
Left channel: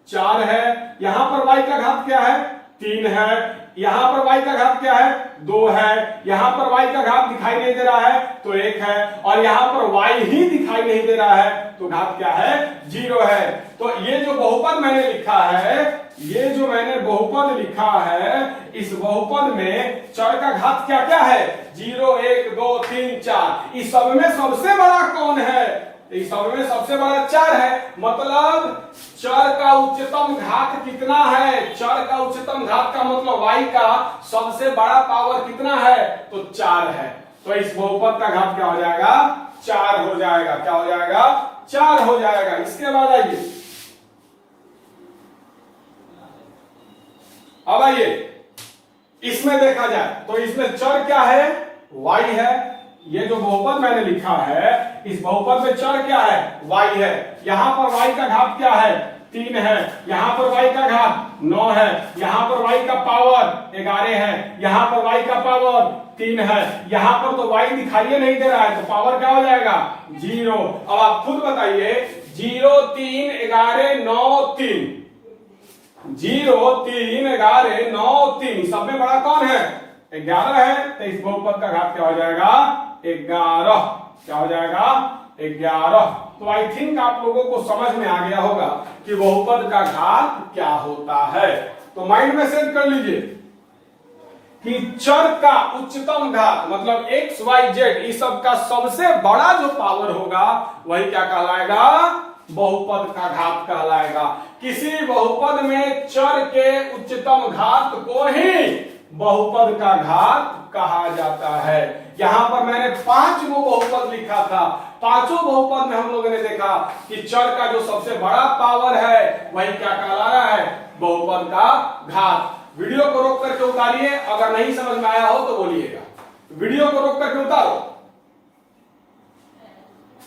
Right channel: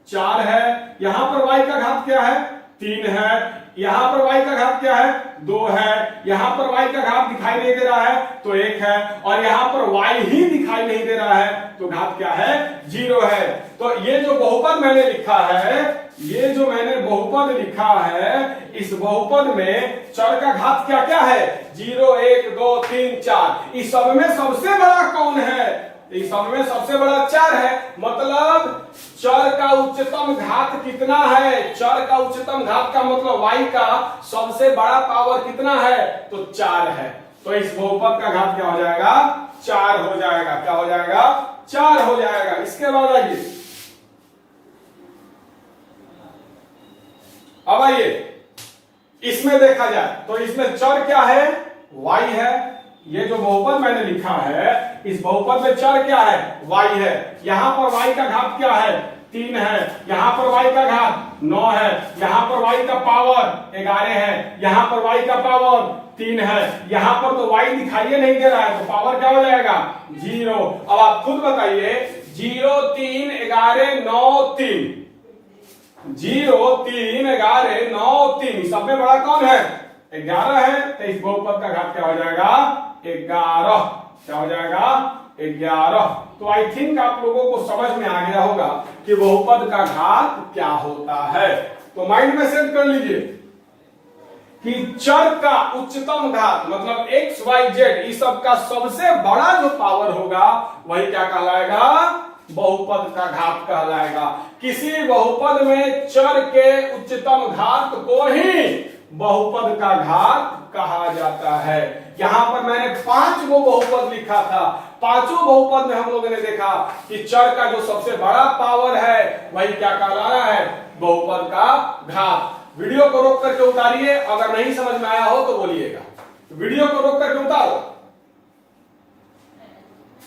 4 है, यहां पर y का घात क्या है? 3 है, यहां पर y का घात क्या है? 2 है, यहां पर y का घात दिखाई नहीं दे रहा है तो 1 है, और यहां पर y ही दिखाई नहीं दे रहा है तो घात क्या है? 0 है। तो ये जो बहुपद मैंने लिखा है, ये जो मैंने बहुपद लिखा है, इस बहुपद में चर का घात क्या क्या है? 0, 1, 2, 3, 4। इस सब में सबसे बड़ा कौन है? इस सब में सबसे बड़ा 4 है, मतलब चर का उच्चतम घात कितना है? चर का उच्चतम घात का मतलब y का सबसे बड़ा पावर कितना है? तो 4 है। तो इस बहुपद का घात क्या हो जाएगा? 4 हो जाएगा। क्या हो जाएगा? 4 हो जाएगा। इसके बाद आइए, अब आइए इसमें देखा जाए तो इसमें चर क्या है? y है। ये जो बहुपद मैंने लिखा है, इस बहुपद में चर क्या है? y है। यहां पर y का घात क्या है? 3 है, यहां पर y का घात 9 है, यहां पर y का पावर 11 है, यहां पर y का पावर 3 है, यहां पर तो y दिखाई नहीं दे रहा है तो पावर क्या हो जाएगा? 0। अब आप खुद बताइए, 0, 3, 11, 9, 3, 0, 3, 11, 9, 3 सब में बड़ा कौन है? 11 है, तो इस बहुपद का घात क्या हो जाएगा? 11। क्या हो जाएगा 11। तो आई थिंक आप लोगों को समझ में आ गया होगा कि बहुपद का घात क्या होता है। तो माइंड में सेट कर लीजिए कि चर का उच्चतम घात मतलब x y z इस सब का सबसे बड़ा जो पावर होगा वही क्या कहलाएगा, बहुपद का घात कहलाएगा। किसी बहुपद में चर के उच्चतम घात को ही बहुपद का घात कहा जाता है। यहां पर मैंने 5 गो बहुपद लिखा था, पांचों बहुपद में हम लोगों ने देखा कि चर का जो सबसे बड़ा पावर है वही क्या कहला रहा है, बहुपद का घात। वीडियो को रोक करके उतारिए, अगर नहीं समझ में आया हो तो बोलिएगा। वीडियो को रोक करके उतारो,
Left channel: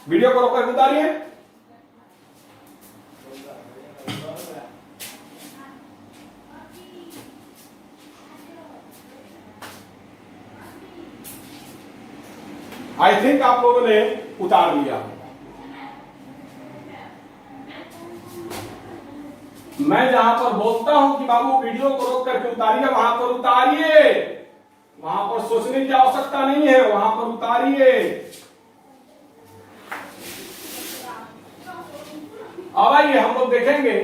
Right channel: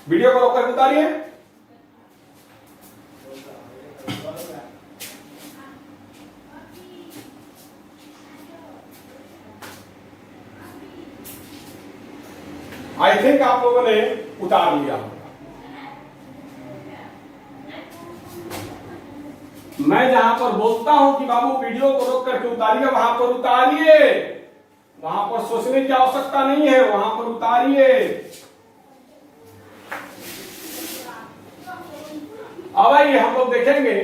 वीडियो को रोक करके उतारिए। आई थिंक आप लोगों ने उतार लिया। मैं जहां पर बोलता हूं कि बाबू वीडियो को रोक करके उतारिए, वहां पर उतारिए, वहां पर सोचने की आवश्यकता नहीं है, वहां पर उतारिए। अब आइए हम लोग देखेंगे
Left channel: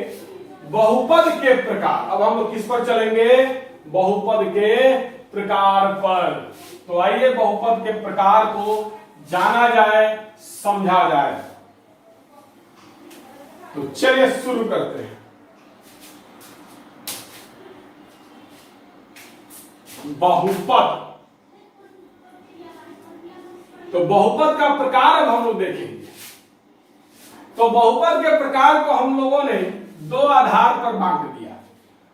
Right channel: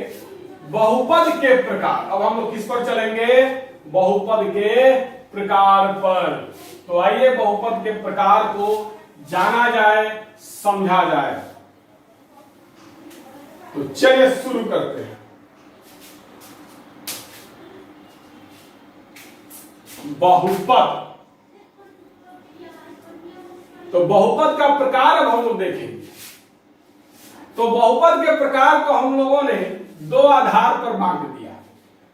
बहुपद के प्रकार। अब हम लोग किस पर चलेंगे, बहुपद के प्रकार पर। तो आइए बहुपद के प्रकार को जाना जाए, समझा जाए। तो चलिए शुरू करते हैं। बहुपद, तो बहुपद का प्रकार अब हम लोग देखेंगे। तो बहुपद के प्रकार को हम लोगों ने दो आधार पर बांट दिया।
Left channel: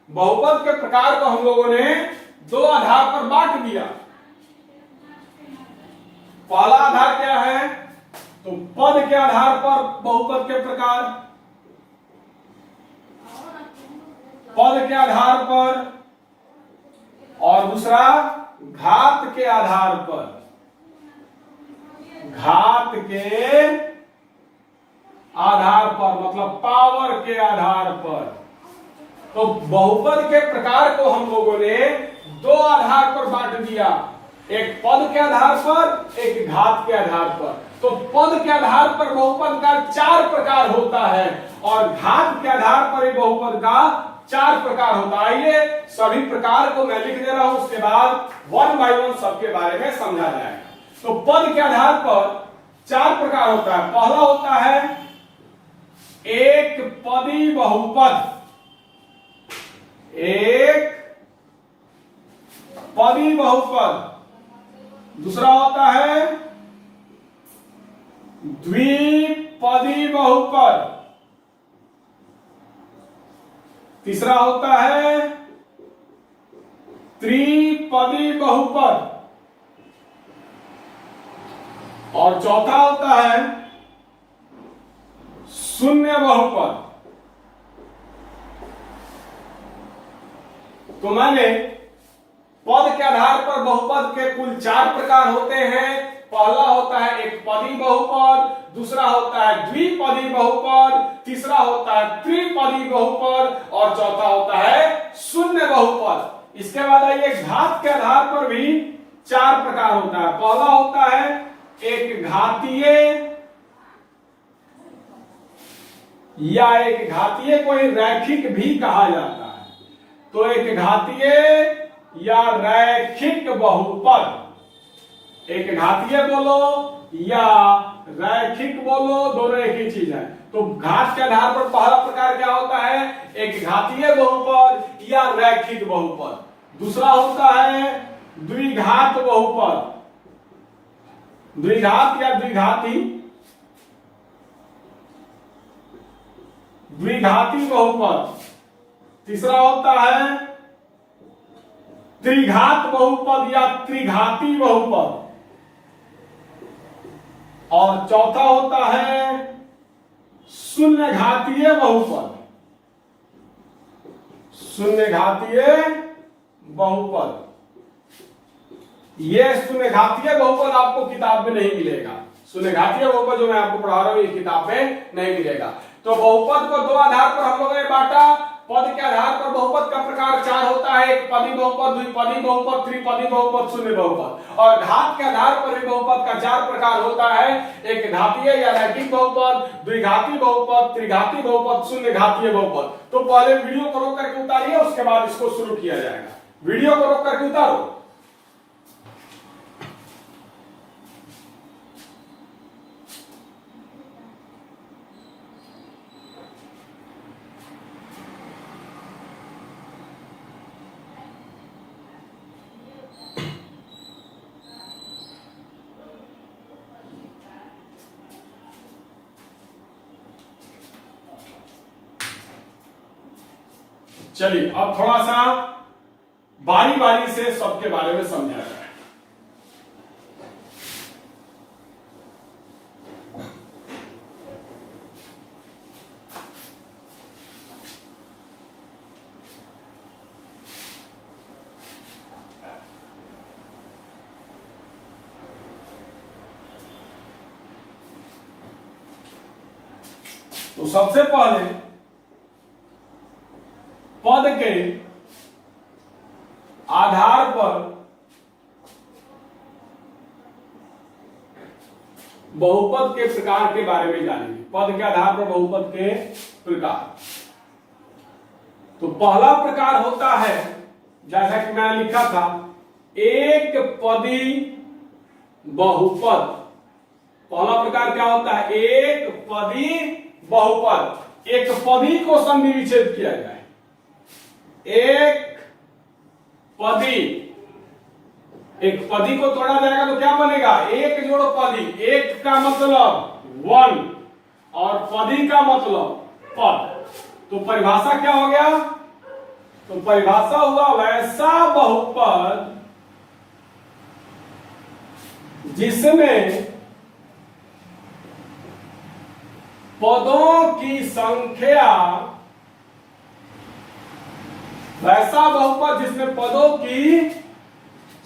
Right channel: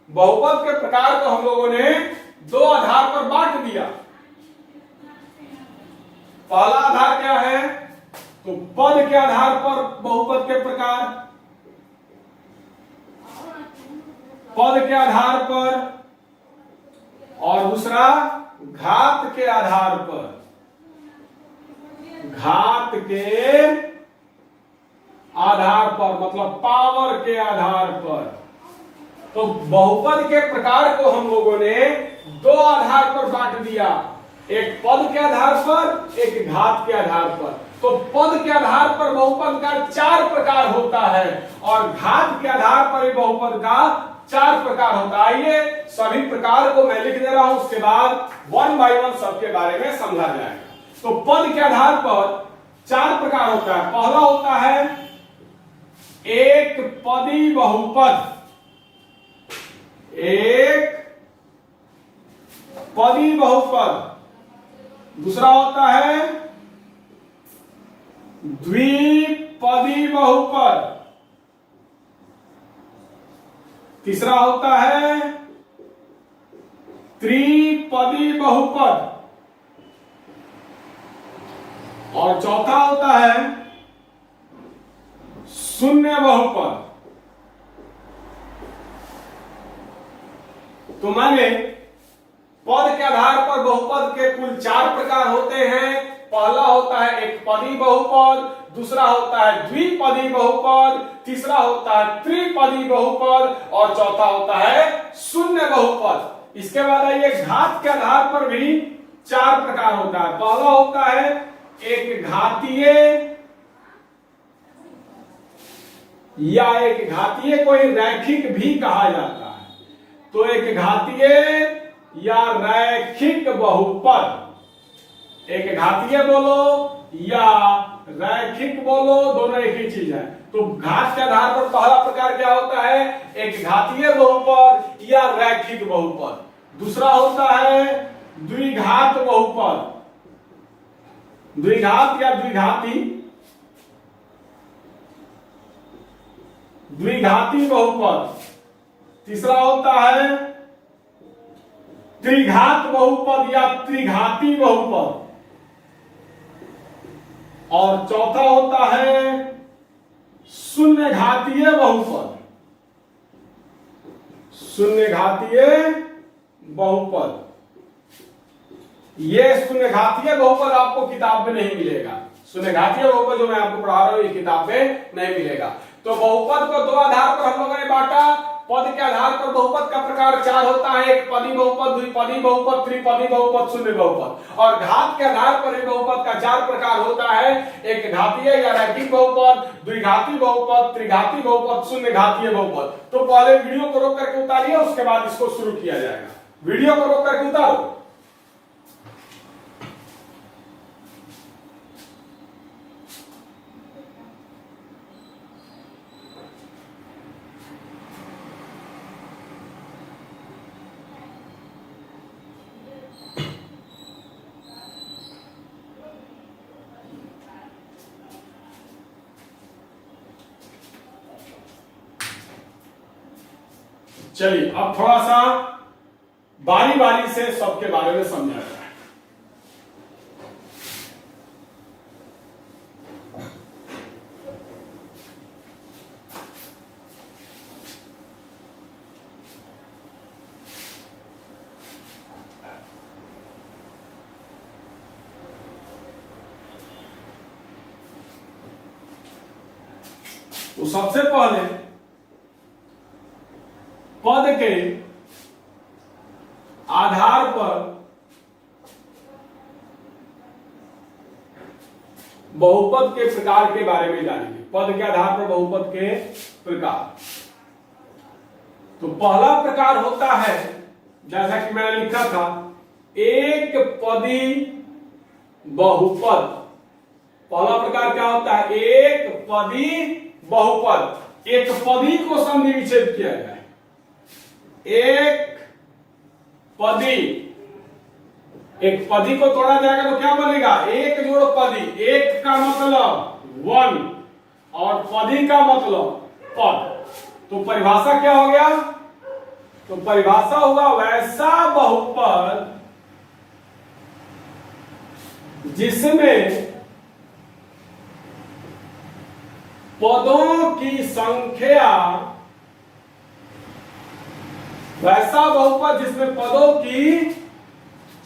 बहुपद के प्रकार को हम लोगों ने दो आधार पर बांट दिया। पहला आधार क्या है, तो पद के आधार पर बहुपद के प्रकार, पद के आधार पर, और दूसरा घात के आधार पर, घात के आधार पर मतलब पावर के आधार पर। तो बहुपद के प्रकार को हम लोगों ने दो आधार पर बांट दिया, एक पद के आधार पर, एक घात के आधार पर। तो पद के आधार पर बहुपद का 4 प्रकार होता है और घात के आधार पर बहुपद का 4 प्रकार होता है। आइए सभी प्रकार को मैं लिख दे रहा हूं, उसके बाद 1 बाय 1 सबके बारे में समझा जाएगा। तो पद के आधार पर 4 प्रकार होता है। पहला होता है एक पदी बहुपद, एक पदी बहुपद। दूसरा होता है द्विपदी बहुपद। तीसरा होता है त्रिपदी बहुपद। और चौथा होता है शून्य बहुपद। तो माने पद के आधार पर बहुपद के कुल 4 प्रकार होते हैं। पहला होता है एक पदी बहुपद, दूसरा होता है द्विपदी बहुपद, तीसरा होता है त्रिपदी बहुपद और चौथा होता है शून्य बहुपद। इसके बाद आइए घात के आधार पर भी 4 प्रकार होता है। पहला होता है एक घातीय या एक घातीय को रैखिक भी कहा जाता है। तो एक घातीय या रैखिक बहुपद, एक घातीय बोलो या रैखिक बोलो, दोनों एक ही चीज है। तो घात के आधार पर पहला प्रकार क्या होता है, एक घातीय बहुपद या रैखिक बहुपद। दूसरा होता है द्विघात बहुपद, द्विघात या द्विघाती, द्विघाती बहुपद। तीसरा होता है त्रिघात बहुपद या त्रिघाती बहुपद। और चौथा होता है शून्य घातीय बहुपद, शून्य घातीय बहुपद। ये शून्य घातीय बहुपद आपको किताब में नहीं मिलेगा। शून्य घातीय बहुपद जो मैं आपको पढ़ा रहा हूं ये किताब में नहीं मिलेगा। तो बहुपद को दो आधार पर हम लोगों ने बांटा, पद के आधार पर बहुपद का प्रकार 4 होता है, एक पदी बहुपद, द्विपदी बहुपद, त्रिपदी बहुपद, शून्य बहुपद। और घात के आधार पर भी बहुपद का 4 प्रकार होता है, एक घातीय या रैखिक बहुपद, द्विघाती बहुपद, त्रिघाती बहुपद, शून्य घातीय बहुपद। तो पहले वीडियो को रोक करके उतारिए, उसके बाद इसको शुरू किया जाएगा। वीडियो को रोक करके उतारो। चलिए अब थोड़ा सा बारी बारी से सबके बारे में समझा जाए। तो सबसे पहले पद के आधार पर बहुपद के प्रकार के बारे में जानेंगे। पद के आधार पर बहुपद के प्रकार। तो पहला प्रकार होता है, जैसा कि मैंने लिखा था, एक पदी बहुपद। पहला प्रकार क्या होता है? एक पदी बहुपद। एक पदी को संधि विच्छेद किया जाए। एक पदी को तोड़ा जाएगा तो क्या बनेगा? एक जोड़ पदी। एक का मतलब वन और पदी का मतलब पद। तो परिभाषा क्या हो गया? तो परिभाषा हुआ वैसा बहुपद जिसमें पदों की संख्या, वैसा बहुपद जिसमें पदों की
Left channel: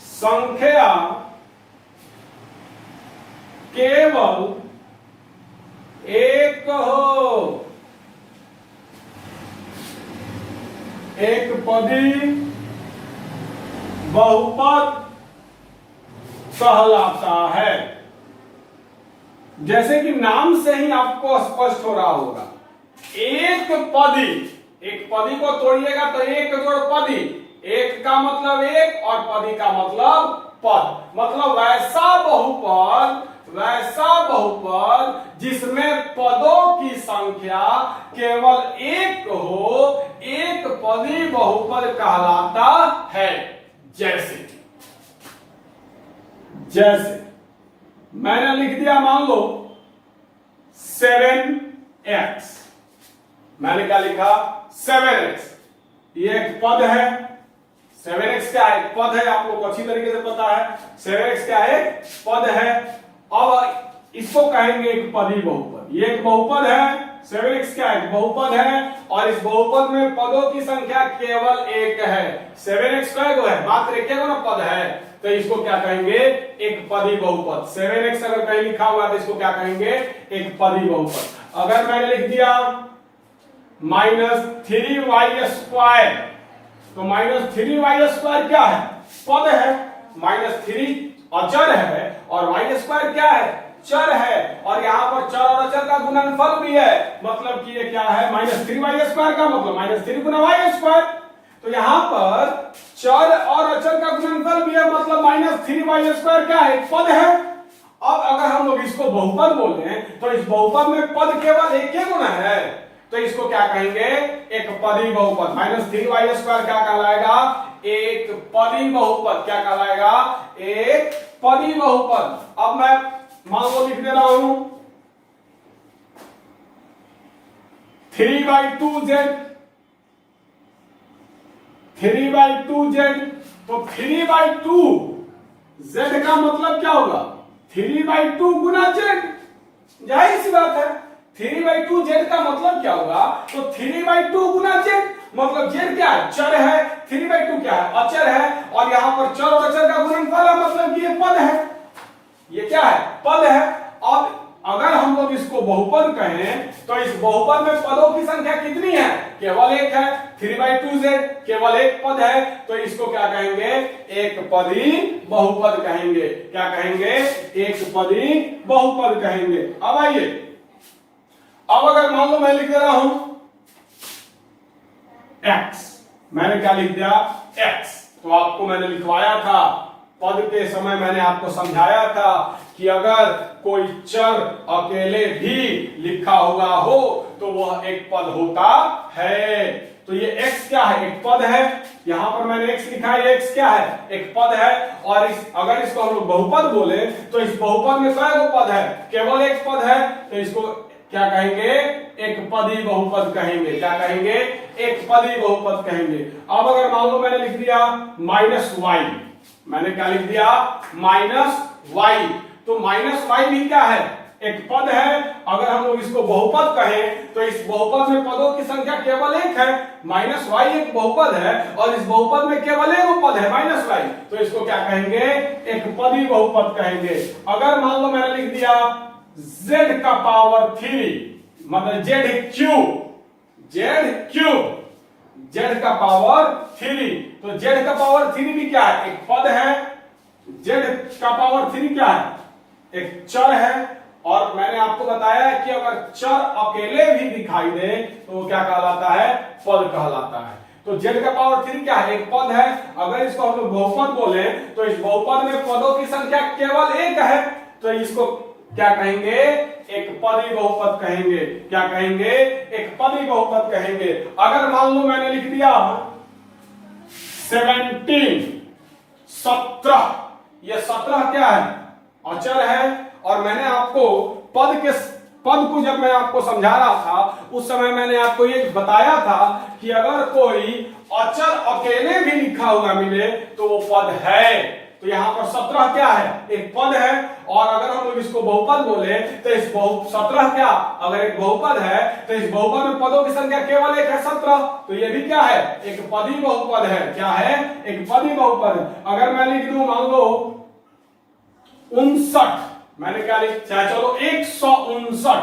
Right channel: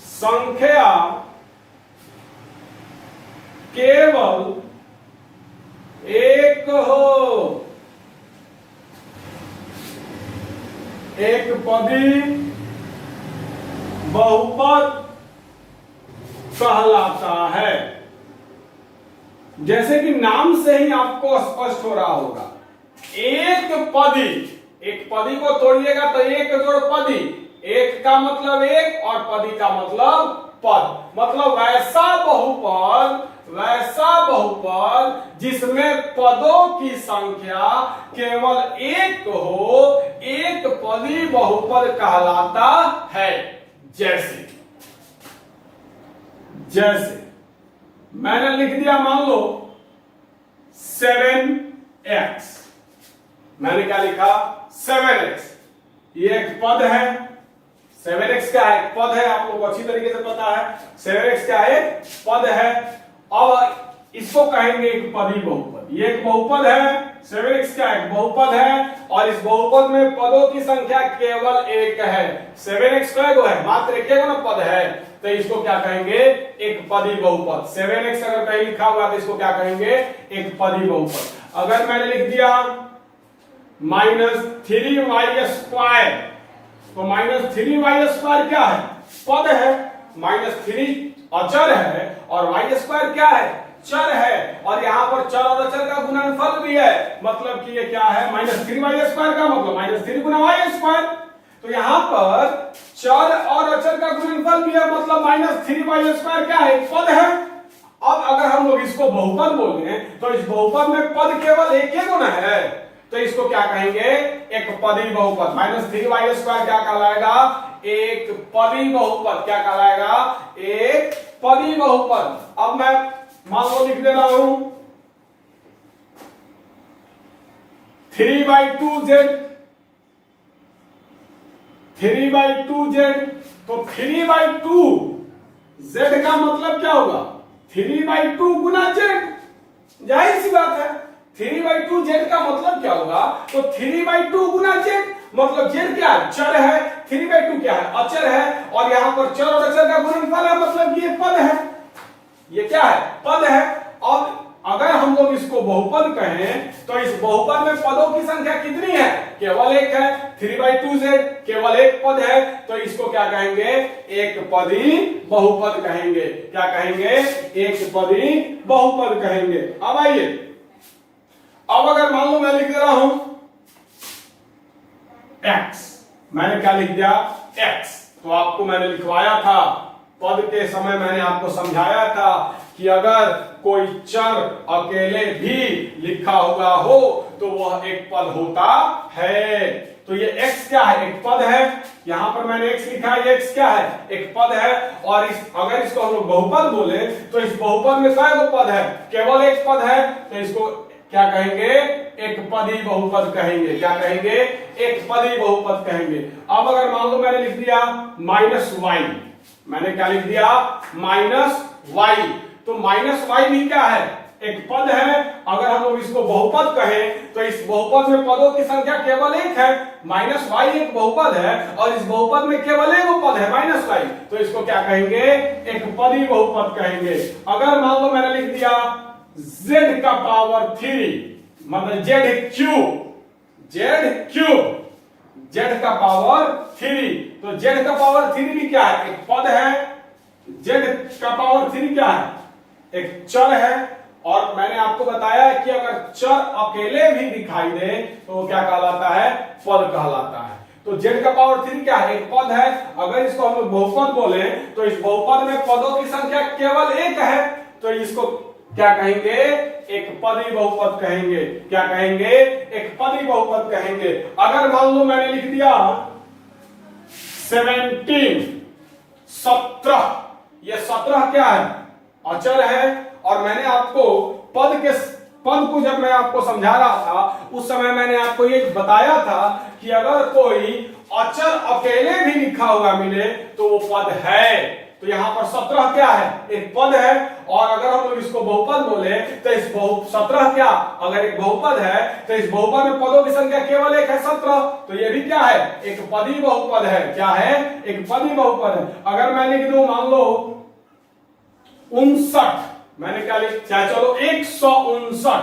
संख्या केवल एक हो। एक पदी बहुपद कहलाता है। जैसे कि नाम से ही आपको स्पष्ट हो रहा होगा, एक पदी। एक पदी को तोड़िएगा तो एक जोड़ पदी। एक का मतलब एक और पदी का मतलब पद। मतलब वैसा बहुपद जिसमें पदों की संख्या केवल एक हो, एक पदी बहुपद कहलाता है। जैसे मैंने लिख दिया, मान लो 7x। मैंने क्या लिखा? 7x। ये एक पद है। 7x क्या है? एक पद है। आप लोग को अच्छी तरीके से पता है 7x क्या है? एक पद है। अब इसको कहेंगे एक पदी बहुपद। ये एक बहुपद है। 7x क्या है? बहुपद है। और इस बहुपद में पदों की संख्या केवल एक है। 7x क्या है? मात्र एक ना पद है, तो इसको क्या कहेंगे? एक पदी बहुपद। 7x अगर कहीं लिखा हुआ तो इसको क्या कहेंगे? एक पदी बहुपद। अगर मैंने लिख दिया -3y², तो -3y² क्या है? पद है। -3 अचर है और y² क्या है? चर है। और यहां पर चर और अचर का गुणनफल भी है। मतलब कि ये क्या है? -3y² का मतलब -3 गुना y²। तो यहां पर चर और अचर का गुणनफल भी है, मतलब -3y² क्या है? पद है। अब अगर हम लोग इसको बहुपद बोले तो इस बहुपद में पद केवल एक ही गुना है, तो इसको क्या कहेंगे? एक पदी बहुपद। -3y² क्या कहलाएगा? एक पदी बहुपद। क्या कहलाएगा? एक पदी बहुपद। अब मैं मान लो लिख दे रहा हूं 3/2z। 3/2z। तो 3/2z का मतलब क्या होगा? 3/2 गुना z। जाहिर सी बात है 3/2z का मतलब क्या होगा? तो 3/2 गुना z। मतलब z क्या है? चर है। 3/2 क्या है? अचर है। और यहां पर चर और अचर का गुणनफल है, मतलब कि ये पद है। ये क्या है? पद है। अब अगर हम लोग इसको बहुपद कहें तो इस बहुपद में पदों की संख्या कितनी है? केवल एक है। 3/2z केवल एक पद है, तो इसको क्या कहेंगे, एक पदी बहुपद कहेंगे। क्या कहेंगे, एक पदी बहुपद कहेंगे। अब आइए, अब अगर मान लो मैं लिख दे रहा हूं x, मैंने क्या लिख दिया, x, तो आपको मैंने लिखवाया था पद के समय, मैंने आपको समझाया था कि अगर कोई चर अकेले भी लिखा हुआ हो तो वह एक पद होता है। तो ये x क्या है, एक पद है, यहां पर मैंने x लिखा है, ये x क्या है, एक पद है। और अगर इसको हम लोग बहुपद बोले तो इस बहुपद में कई गो पद है, केवल एक पद है, तो इसको क्या कहेंगे, एक पदी बहुपद कहेंगे। क्या कहेंगे, एक पदी बहुपद कहेंगे। अब अगर मान लो मैंने लिख दिया -y, मैंने क्या लिख दिया, -y, तो -y भी क्या है, एक पद है। अगर हम लोग इसको बहुपद कहें तो इस बहुपद में पदों की संख्या केवल एक है, -y एक बहुपद है और इस बहुपद में केवल एक पद है -y, तो इसको क्या कहेंगे, एक पदी बहुपद कहेंगे। अगर मान लो मैंने लिख दिया z का पावर 3, मतलब z का पावर 3, तो z का पावर 3 भी क्या है, एक पद है। z का पावर 3 क्या है, एक चर है। और मैंने आपको बताया कि अगर चर अकेले भी दिखाई दे तो वो क्या कहलाता है, पद कहलाता है। तो z का पावर 3 क्या है, एक पद है। अगर इसको हम लोग बहुपद बोले तो इस बहुपद में पदों की संख्या केवल एक है, तो इसको क्या कहेंगे, एक पदी बहुपद कहेंगे। क्या कहेंगे, एक पदी बहुपद कहेंगे। अगर मान लो मैंने लिख दिया 17, ये 17 क्या है, अचर है। और मैंने आपको पद को जब मैं आपको समझा रहा था उस समय मैंने आपको ये बताया था कि अगर कोई अचर अकेले भी लिखा हुआ मिले तो वो पद है। तो यहां पर 17 क्या है, एक पद है। और अगर हम लोग इसको बहुपद बोले तो इस 17 क्या, अगर एक बहुपद है तो इस बहुपद में पदों की संख्या केवल एक है, 17, तो ये भी क्या है, एक पदी बहुपद है। क्या है, एक पदी बहुपद है। अगर मैं लिख दूं मान लो 59, मैंने क्या लिख, चलो 159,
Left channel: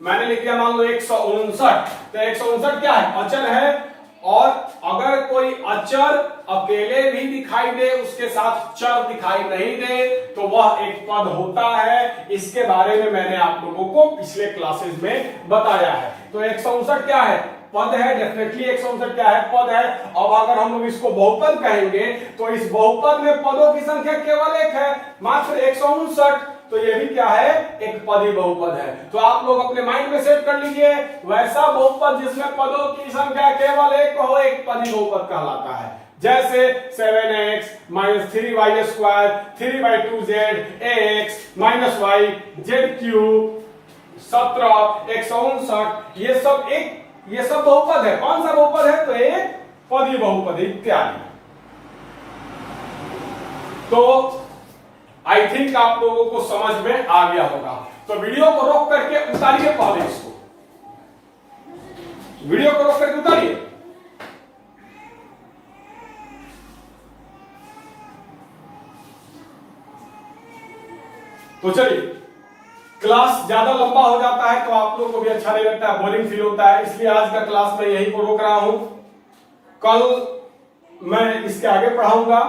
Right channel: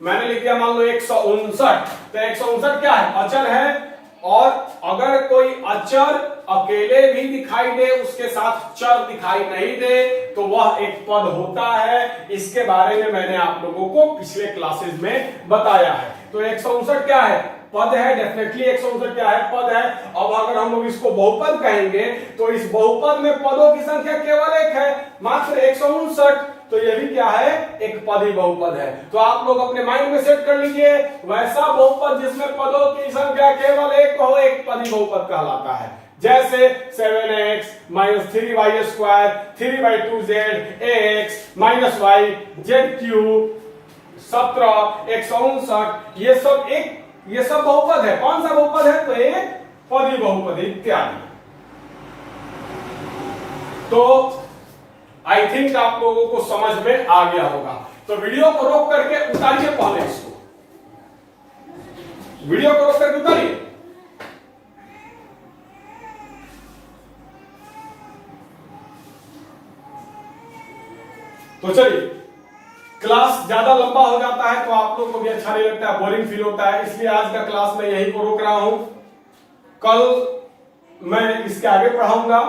मैंने लिख दिया मान लो 159, तो 159 क्या है, अचर है। और अगर कोई अचर अकेले भी दिखाई दे, उसके साथ चर दिखाई नहीं दे, तो वह एक पद होता है। इसके बारे में मैंने आप लोगों को पिछले क्लासेस में बताया है। तो 159 क्या है, पद है, डेफिनेटली 159 क्या है, पद है। अब अगर हम लोग इसको बहुपद कहेंगे तो इस बहुपद में पदों की संख्या केवल एक है, मात्र 159, तो ये भी क्या है, एक पदी बहुपद है। तो आप लोग अपने माइंड में सेट कर लीजिए, वैसा बहुपद जिसमें पदों की संख्या केवल एक हो, एक पदी बहुपद कहलाता है। जैसे 7x - 3y², 3/2z, ax - y, z³, 17, 159, ये सब बहुपद है। कौन सा बहुपद है, तो एक पदी बहुपद इत्यादि। तो आई थिंक आप लोगों को समझ में आ गया होगा। तो वीडियो को रोक करके उतारिए, पहले इसको वीडियो को रोक करके उतारिए। तो चलिए, क्लास ज्यादा लंबा हो जाता है तो आप लोगों को भी अच्छा नहीं लगता है, बोरिंग फील होता है, इसलिए आज का क्लास मैं यहीं को रोक रहा हूं। कल मैं इसके आगे पढ़ाऊंगा।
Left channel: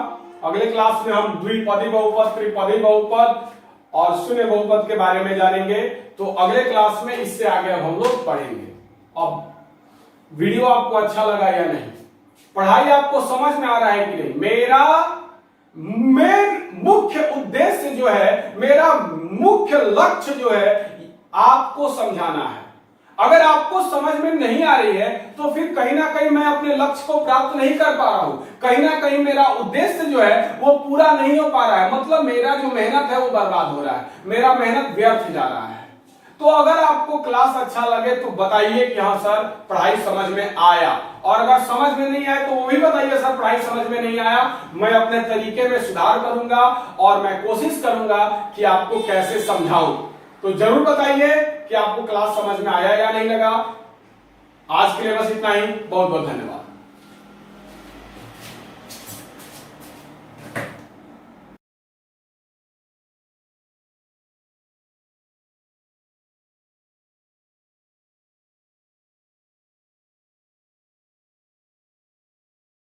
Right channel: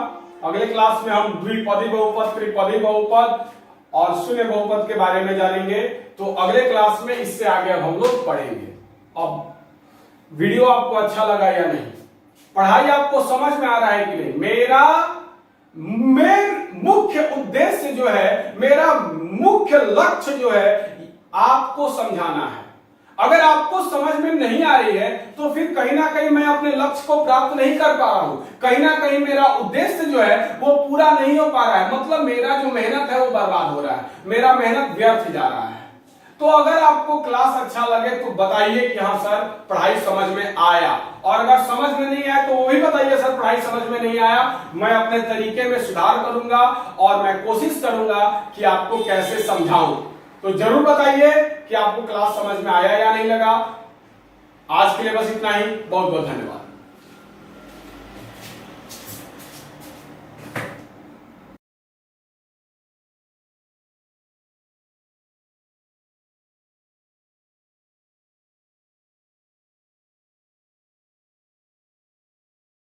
अगले क्लास में हम द्विपदी बहुपद, त्रिपदी बहुपद और शून्य बहुपद के बारे में जानेंगे। तो अगले क्लास में इससे आगे अब हम लोग पढ़ेंगे। अब वीडियो आपको अच्छा लगा या नहीं, पढ़ाई आपको समझ में आ रहा है कि नहीं, मेरा मुख्य उद्देश्य जो है, मेरा मुख्य लक्ष्य जो है, आपको समझाना है। अगर आपको समझ में नहीं आ रही है तो फिर कहीं ना कहीं मैं अपने लक्ष्य को प्राप्त नहीं कर पा रहा हूं, कहीं ना कहीं मेरा उद्देश्य जो है वो पूरा नहीं हो पा रहा है। मतलब मेरा जो मेहनत है वो बर्बाद हो रहा है, मेरा मेहनत व्यर्थ जा रहा है। तो अगर आपको क्लास अच्छा लगे तो बताइए कि हाँ सर पढ़ाई समझ में आया, और अगर समझ में नहीं आया तो वो भी बताइए सर पढ़ाई समझ में नहीं आया। मैं अपने तरीके में सुधार करूंगा और मैं कोशिश करूंगा कि आपको कैसे समझाऊं। तो जरूर बताइए कि आपको क्लास समझ में आया या नहीं लगा। आज के लिए बस इतना ही, बहुत बहुत धन्यवाद।